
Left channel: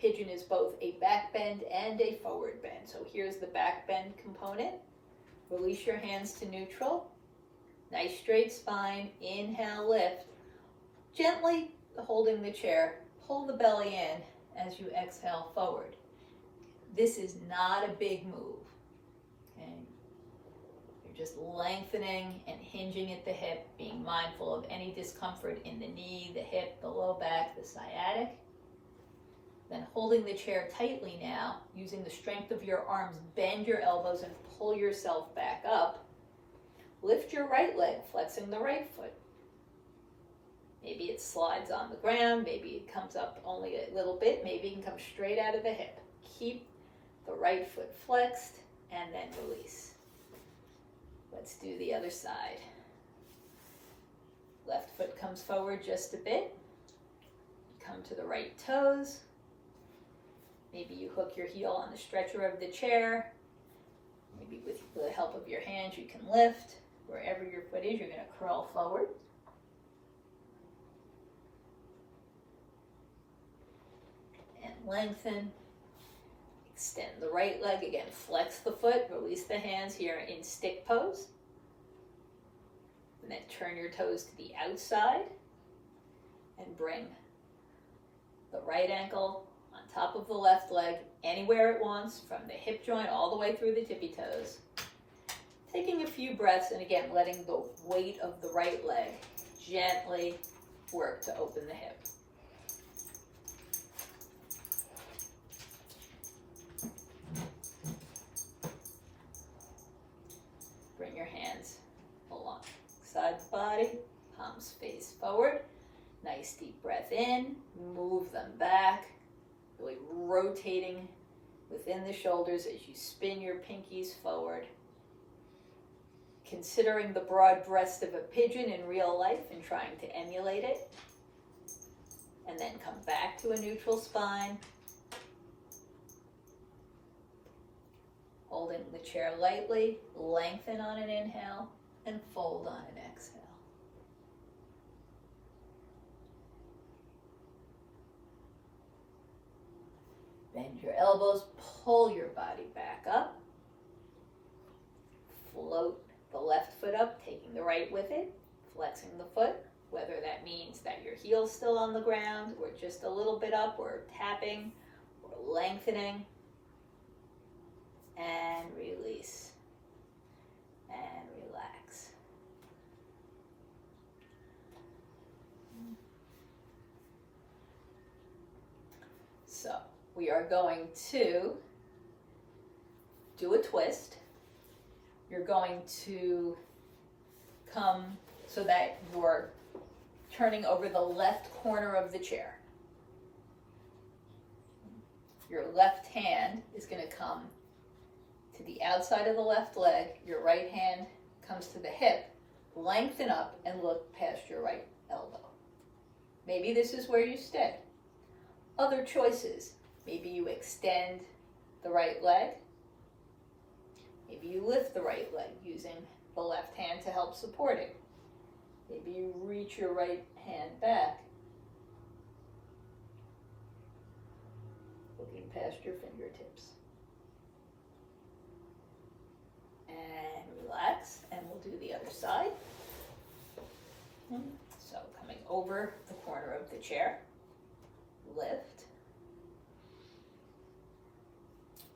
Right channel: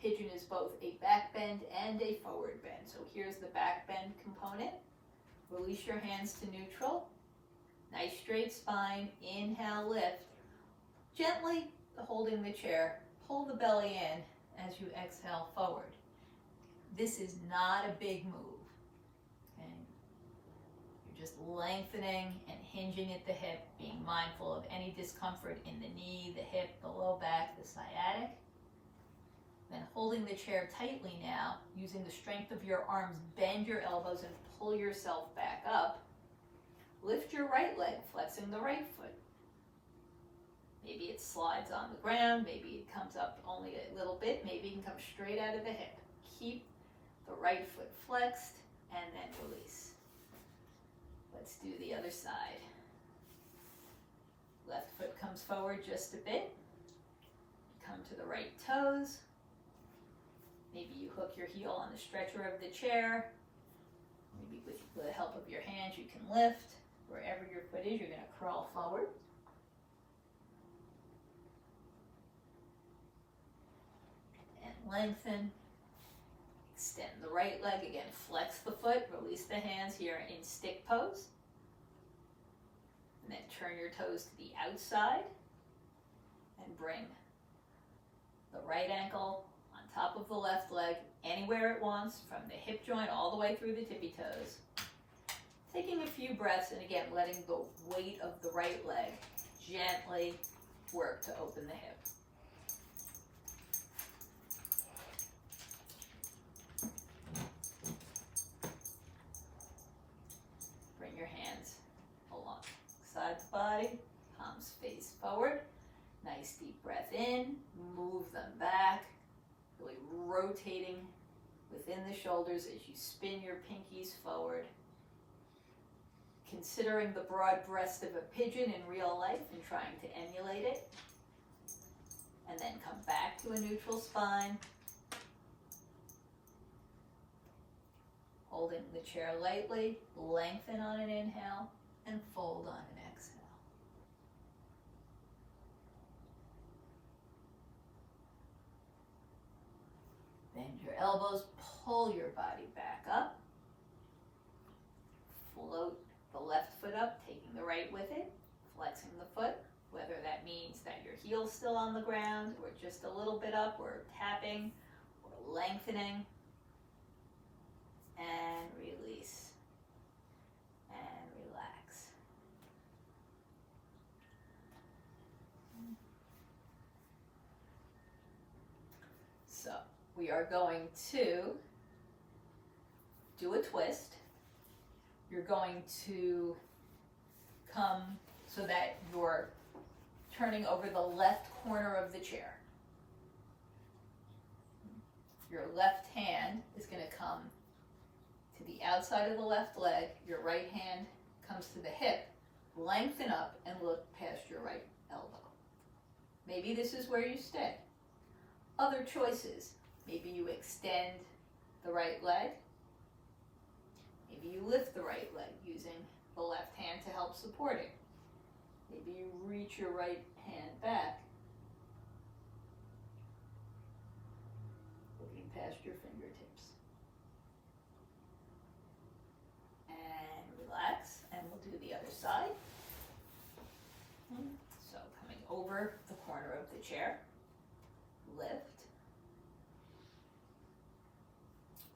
Pigeon is both a back bend and a forward bend. So here's the back bend component. Release your hands to neutral. Nice straight spine. Inhale, lift. Gently holding the chair. Pull the belly in as you exhale forward. This is not a big move. Okay? You're just lengthening and hinging at the hip, being mindful of any discomfort in the knee, the hip, the low back, the sciatic. Then holding the chair tightly now, using the strength of your arms, bend your elbows and pull yourself back up. Lift your right leg, flexing the right foot. Maybe it slides on the ground, maybe it comes up only a little bit, maybe it can come straight out of the hip. Keep the right foot flexed and then release. Let's do the other side. Left foot comes forward just a bit. Come to the right toes. Maybe you hook your heel on the stretcher of the chair. Maybe with the help of your hands you can lift. Wherever your foot is, you're going to curl forward. And lengthen. Extend the right leg. Again, flex the foot. Release the hands here in stick pose. And then turn your toes to the outside. And bring the right ankle on top of the left leg, anywhere it wants, from the hip joint all the way through the tippy toes. Taking a few breaths, and again, letting the weight of the right leg gently work to open the hip. Bring your hands alongside the body, palms face forward. Nice deep breath in, move them back, really rotating within the shoulders as you spin your pinkies forward. Considering the broad breast of a pigeon in real life and trying to emulate it. And then come back to a neutral spine. Holding the chair lightly, lengthen on an inhale and fold on an exhale. Bend your elbows, pull your body back up. Float the left foot up, taking the right with it, flexing the foot, whether that means that your heel's still on the ground, or just a little bit up, or tapping, or lengthening. and release, and relax. So we are going to do a twist. You're going to come so that you're turning over the left corner of the chair. Your left hand is going to come to the outside of the left leg. Your right hand comes to the hip. Lengthen up and look past your right elbow. Maybe this is where you stay. Other choices. Maybe you extend the right leg. Maybe you lift the right leg using the left hand to help support it. Maybe you reach your right hand back, looking past your fingertips. And relax, and we'll do the other side. So coming over the corner of the chair, lift.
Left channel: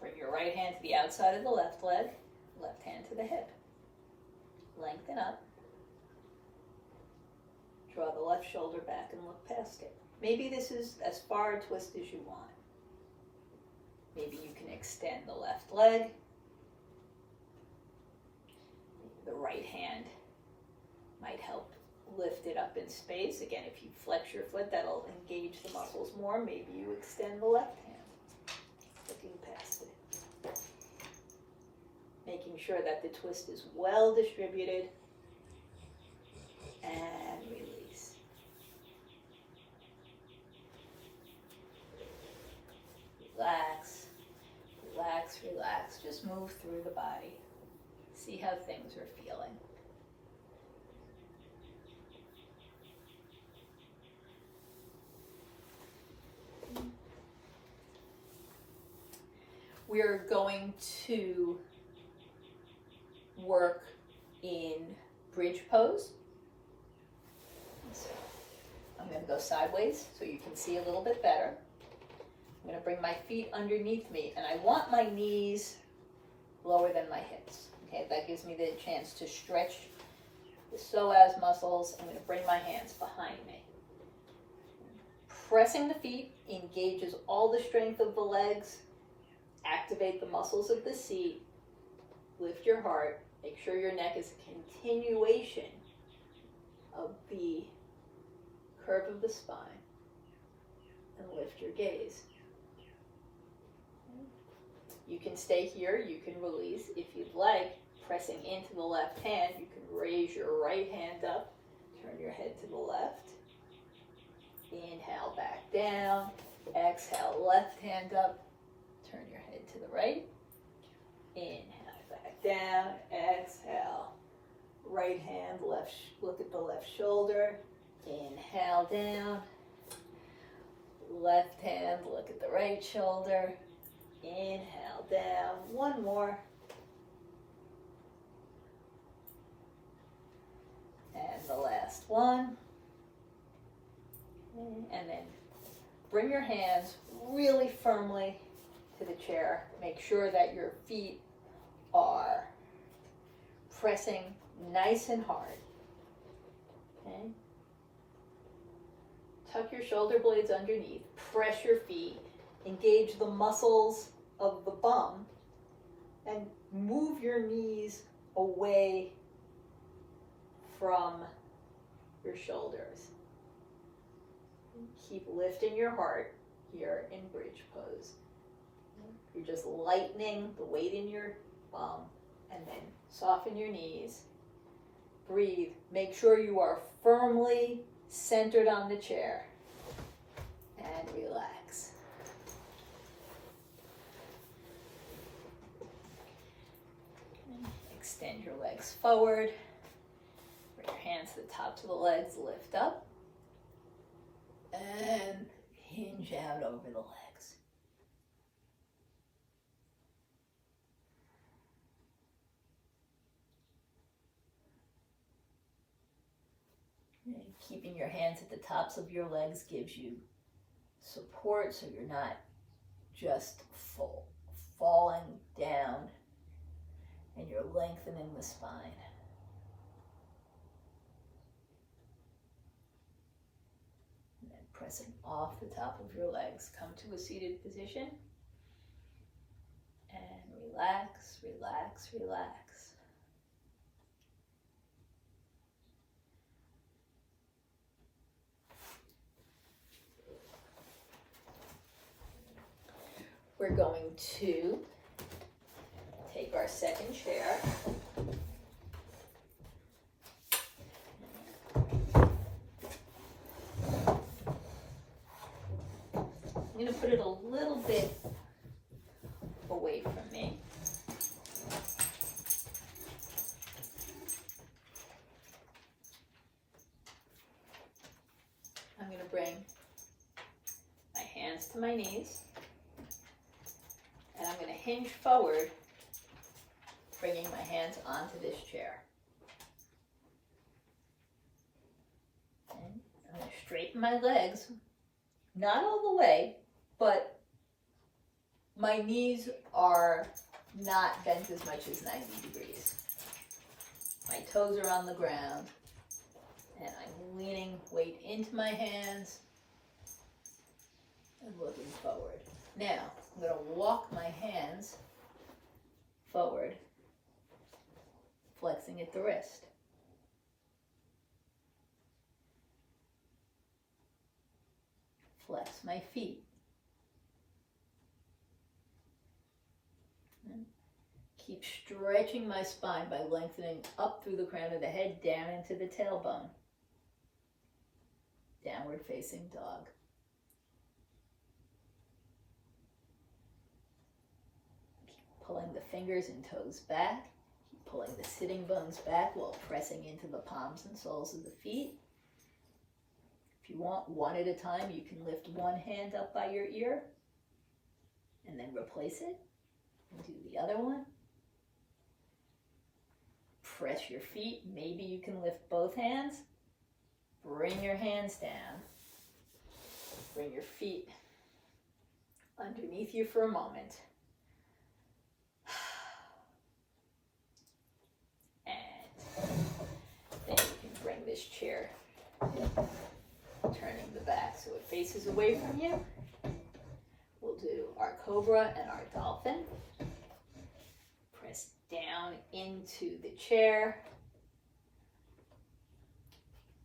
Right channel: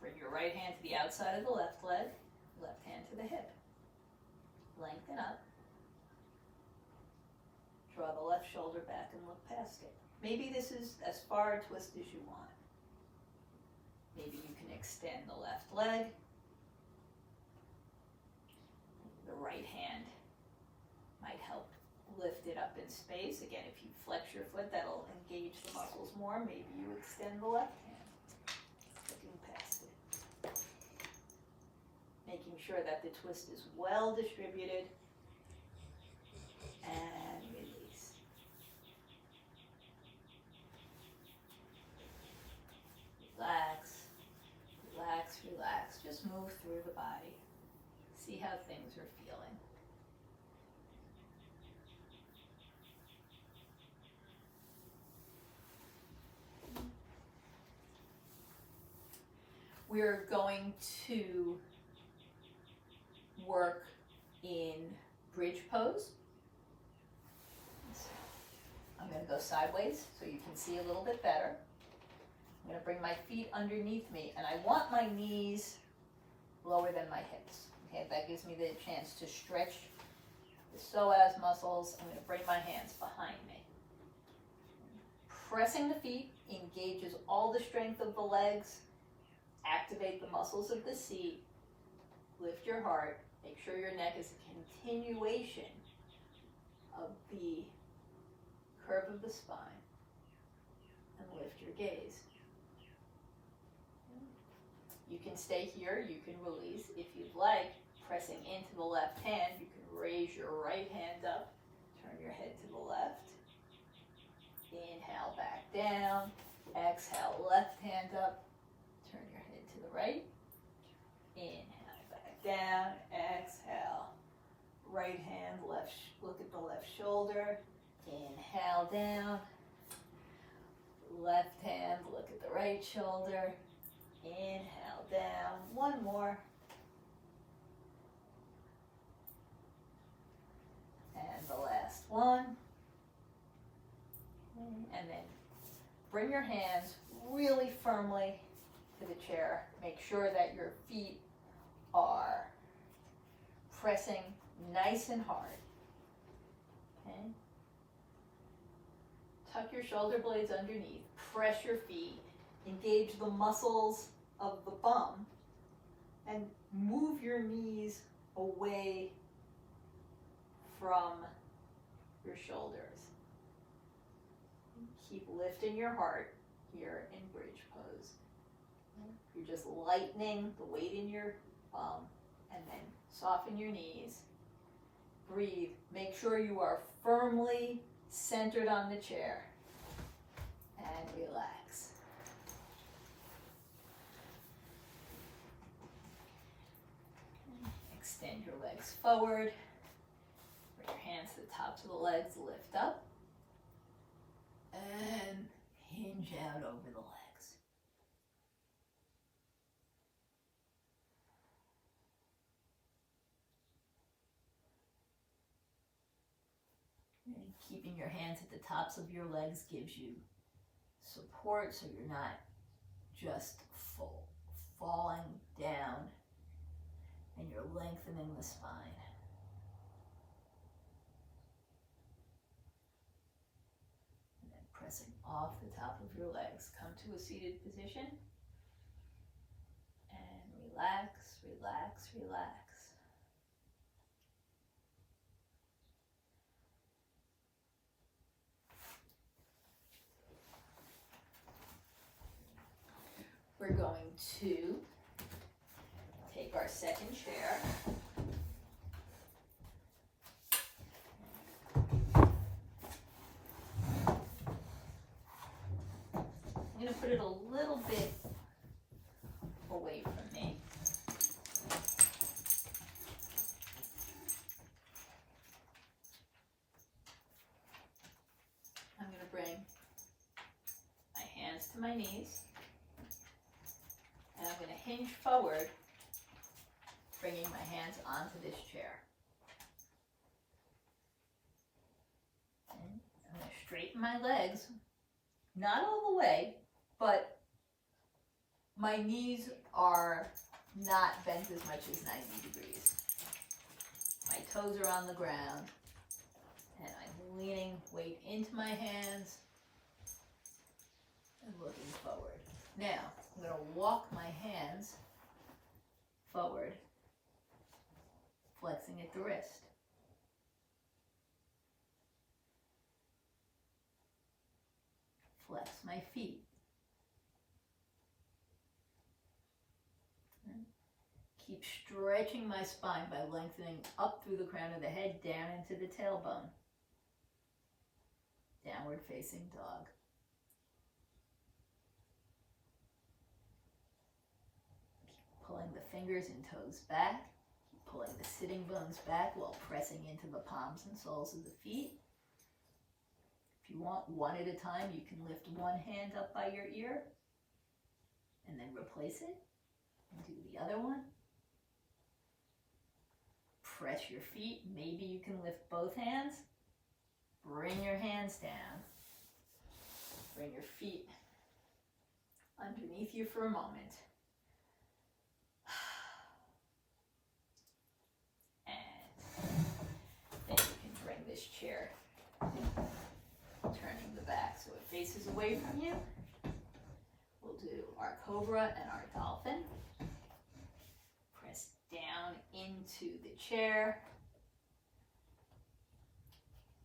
Bring your right hand to the outside of the left leg, left hand to the hip. Lengthen up. Draw the left shoulder back and look past it. Maybe this is as far a twist as you want. Maybe you can extend the left leg. The right hand might help lift it up in space. Again, if you flex your foot, that'll engage the muscles more. Maybe you extend the left hand, looking past it. Making sure that the twist is well distributed, and release. Relax, relax, relax. Just move through the body. See how things are feeling. We're going to work in bridge pose. So I'm going to go sideways so you can see a little bit better. I'm going to bring my feet underneath me, and I want my knees lower than my hips. Okay, that gives me the chance to stretch the psoas muscles. I'm going to bring my hands behind me. Pressing the feet engages all the strength of the legs. Activate the muscles of the seat. Lift your heart. Make sure your neck is a continuation of the curve of the spine. And lift your gaze. You can stay here. You can release. If you'd like, pressing into the left hand, you can raise your right hand up. Turn your head to the left. Inhale, back down. Exhale, left hand up. Turn your head to the right. Inhale, back down. Exhale. Right hand, left. Look at the left shoulder. Inhale down. Left hand, look at the right shoulder. Inhale down. One more. And the last one. And then bring your hands really firmly to the chair. Make sure that your feet are pressing nice and hard. Okay? Tuck your shoulder blades underneath. Press your feet. Engage the muscles of the bum. And move your knees away from your shoulders. Keep lifting your heart here in bridge pose. You're just lightening the weight in your bum, and then soften your knees. Breathe. Make sure you are firmly centered on the chair. And relax. Extend your legs forward. Bring your hands to the tops of the legs. Lift up. And hinge out over the legs. And keeping your hands at the tops of your legs gives you support, so you're not just falling down, and you're lengthening the spine. And then pressing off the top of your legs. Come to a seated position. And relax, relax, relax. We're going to take our second chair. I'm going to put it a little bit away from me. I'm going to bring my hands to my knees. And I'm going to hinge forward, bringing my hands onto this chair. And I'm going to straighten my legs, not all the way, but my knees are not bent as much as 90 degrees. My toes are on the ground, and I'm leaning weight into my hands and looking forward. Now, I'm going to walk my hands forward, flexing at the wrist. Flex my feet. And keep stretching my spine by lengthening up through the crown of the head, down into the tailbone. Downward facing dog. Pulling the fingers and toes back, keep pulling the sitting bones back while pressing into the palms and soles of the feet. If you want, one at a time, you can lift one hand up by your ear and then replace it and do the other one. Press your feet. Maybe you can lift both hands. Bring your hands down. Bring your feet underneath you for a moment. This chair, turning the back so it faces away from you. We'll do our cobra and our dolphin. Press down into the chair.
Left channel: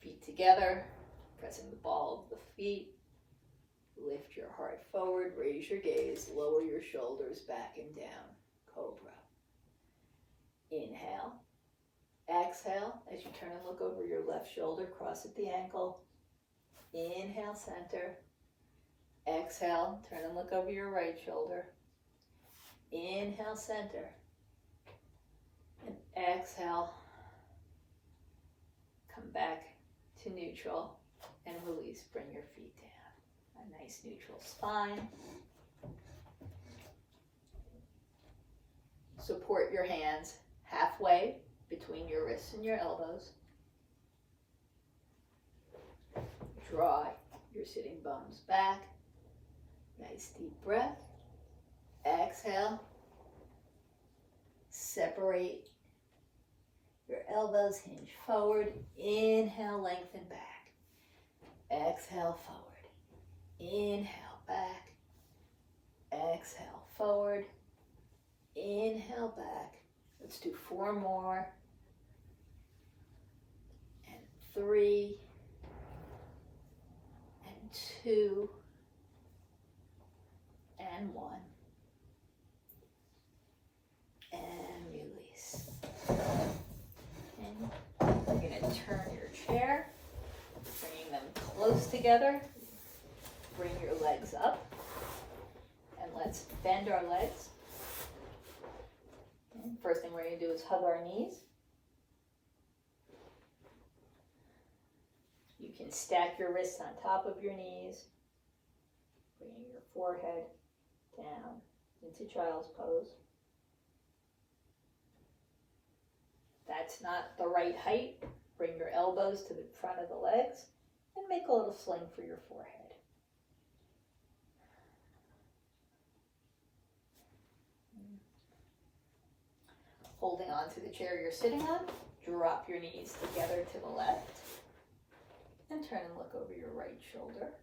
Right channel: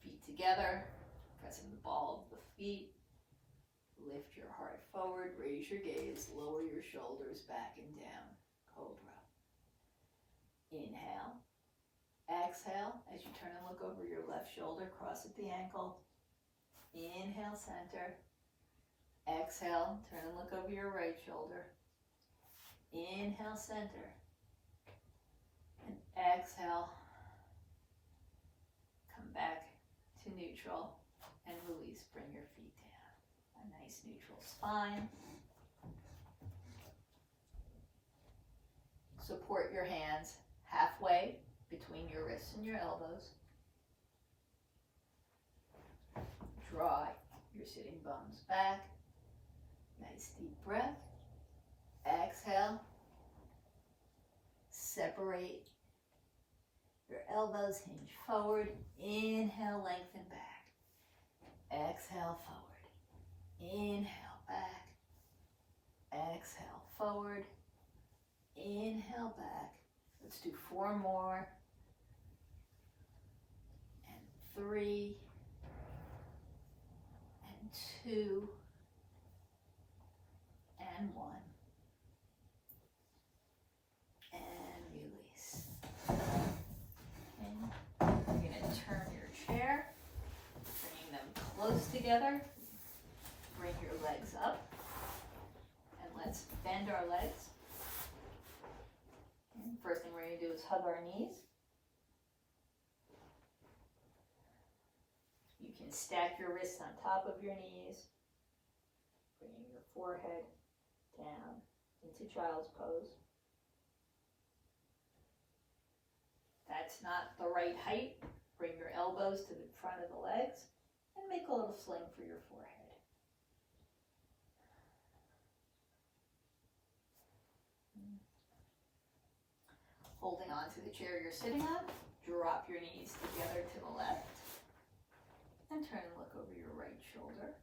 Feet together, pressing the ball of the feet. Lift your heart forward, raise your gaze, lower your shoulders back and down. Cobra. Inhale. Exhale as you turn and look over your left shoulder, cross at the ankle. Inhale, center. Exhale, turn and look over your right shoulder. Inhale, center. And exhale, come back to neutral and release. Bring your feet down. A nice neutral spine. Support your hands halfway between your wrists and your elbows. Draw your sitting bones back. Nice deep breath. Exhale. Separate your elbows, hinge forward. Inhale, lengthen back. Exhale, forward. Inhale, back. Exhale, forward. Inhale, back. Let's do 4 more. And 3. And 2. And 1. And release. And you're going to turn your chair, bringing them close together. Bring your legs up. And let's bend our legs. First thing we're going to do is hug our knees. You can stack your wrists on top of your knees, bringing your forehead down into child's pose. That's not the right height. Bring your elbows to the front of the legs and make a little sling for your forehead. Holding on to the chair you're sitting on, drop your knees together to the left and turn and look over your right shoulder.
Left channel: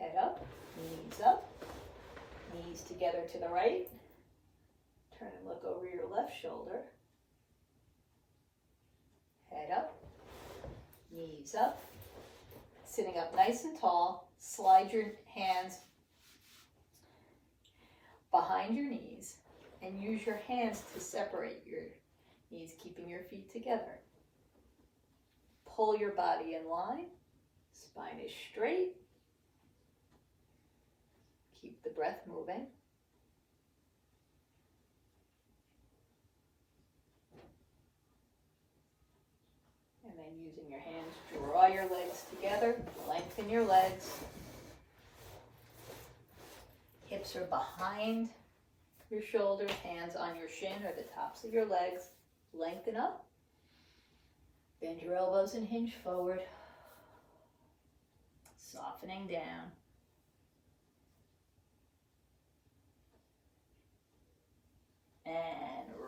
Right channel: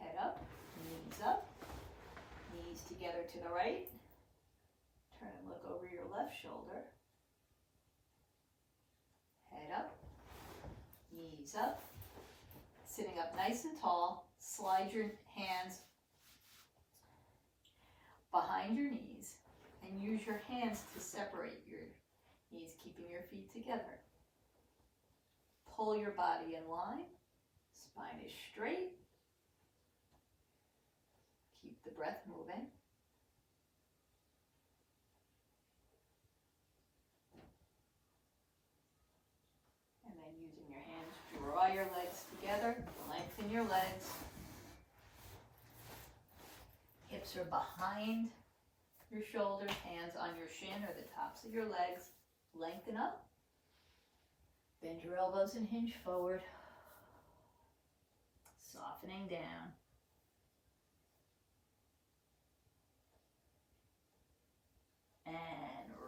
Head up, knees together to the right. Turn and look over your left shoulder. Head up, knees up. Sitting up nice and tall, slide your hands behind your knees and use your hands to separate your knees, keeping your feet together. Pull your body in line, spine is straight. Keep the breath moving. And then using your hands, draw your legs together, lengthen your legs. Hips are behind your shoulders, hands on your shin or the tops of your legs. Lengthen up. Bend your elbows and hinge forward. Softening down. And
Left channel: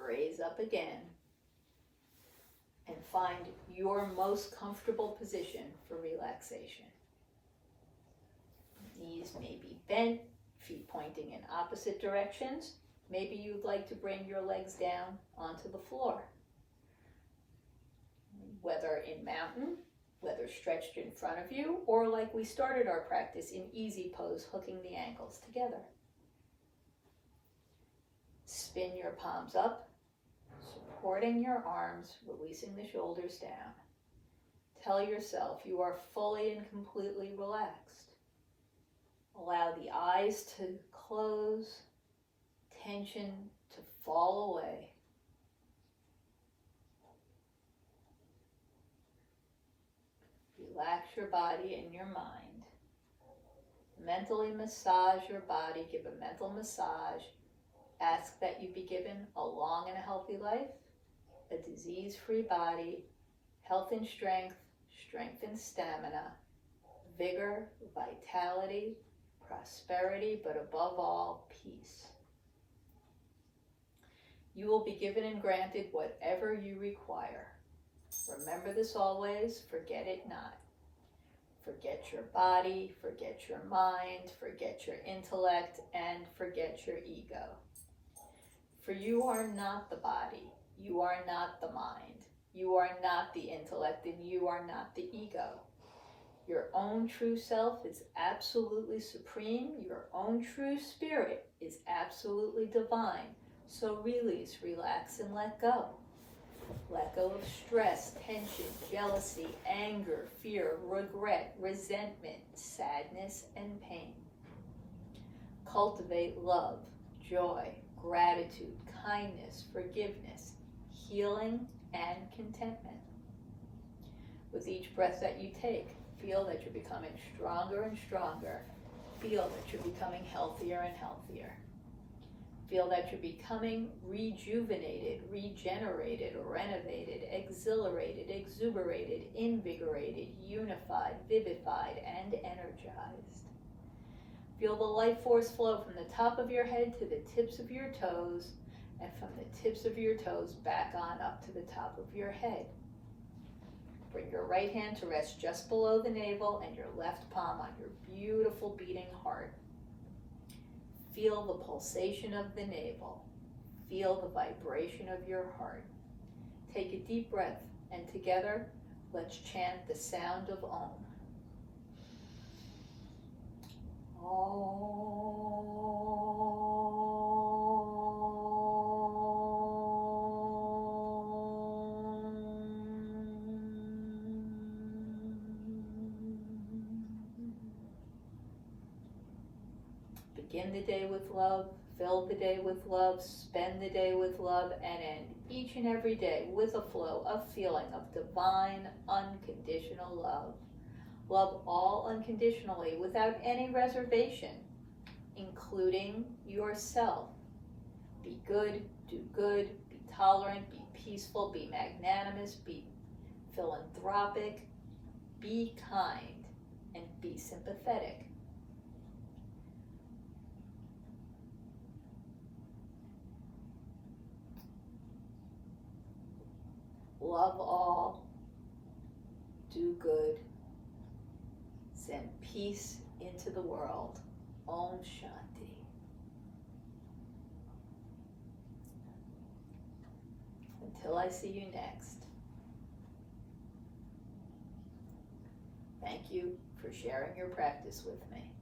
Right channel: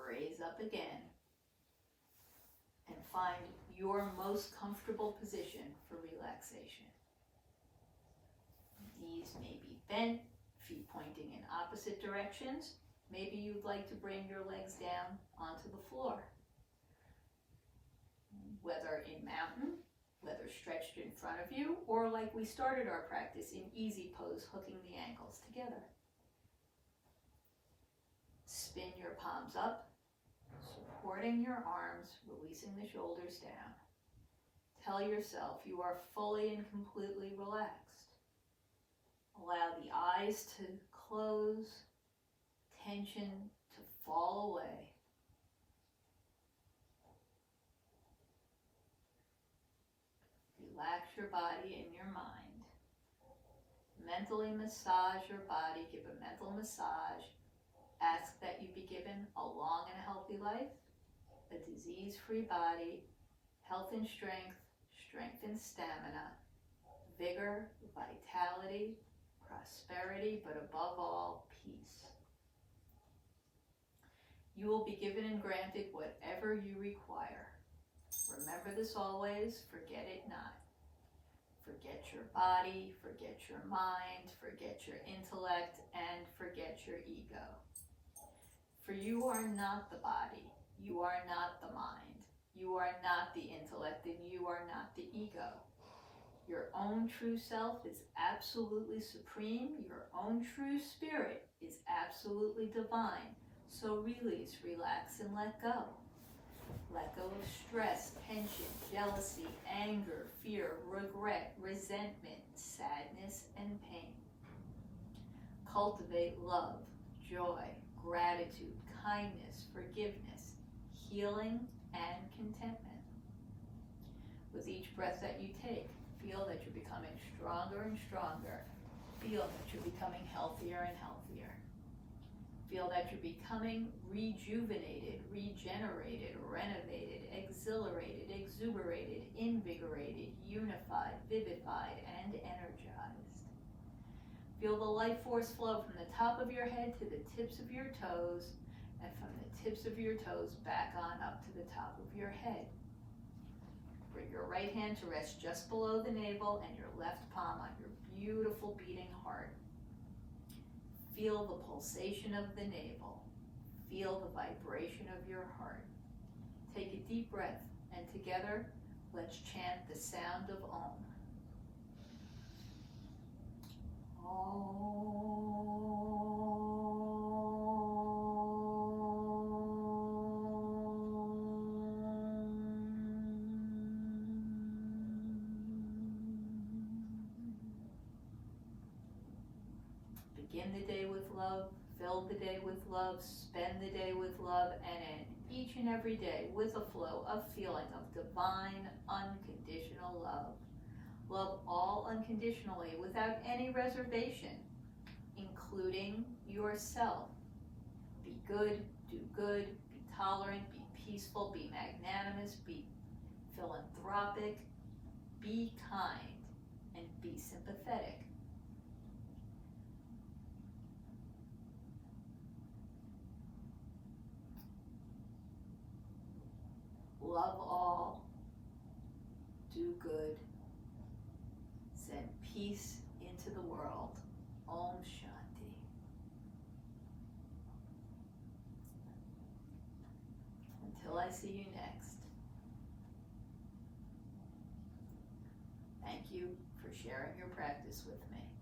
raise up again. And find your most comfortable position for relaxation. Knees may be bent, feet pointing in opposite directions. Maybe you'd like to bring your legs down onto the floor. Whether in mountain, whether stretched in front of you, or like we started our practice in easy pose, hooking the ankles together. Spin your palms up, supporting your arms, releasing the shoulders down. Tell yourself you are fully and completely relaxed. Allow the eyes to close, tension to fall away. Relax your body and your mind. Mentally massage your body, give a mental massage. Ask that you be given a long and a healthy life, a disease-free body, health and strength, strength and stamina, vigor, vitality, prosperity, but above all, peace. You will be given and granted whatever you require. Remember this always, forget it not. Forget your body, forget your mind, forget your intellect, and forget your ego. For you are not the body, you are not the mind, you are not the intellect, and you are not the ego. Your own true self is absolutely supreme. Your own true spirit is absolutely divine. So release, relax, and let go. Let go of stress, tension, jealousy, anger, fear, regret, resentment, sadness, and pain. Cultivate love, joy, gratitude, kindness, forgiveness, healing, and contentment. With each breath that you take, feel that you're becoming stronger and stronger. Feel that you're becoming healthier and healthier. Feel that you're becoming rejuvenated, regenerated, renovated, exhilarated, exuberated, invigorated, unified, vivified, and energized. Feel the life force flow from the top of your head to the tips of your toes, and from the tips of your toes back on up to the top of your head. Bring your right hand to rest just below the navel and your left palm on your beautiful beating heart. Feel the pulsation of the navel. Feel the vibration of your heart. Take a deep breath, and together, let's chant the sound of Om. Begin the day with love, fill the day with love, spend the day with love, and end each and every day with a flow of feeling of divine, unconditional love. Love all unconditionally without any reservation, including yourself. Be good, do good, be tolerant, be peaceful, be magnanimous, be philanthropic, be kind, and be sympathetic. love all, do good, send peace into the world. Om Shanti. Until I see you next. Thank you for sharing your practice with me.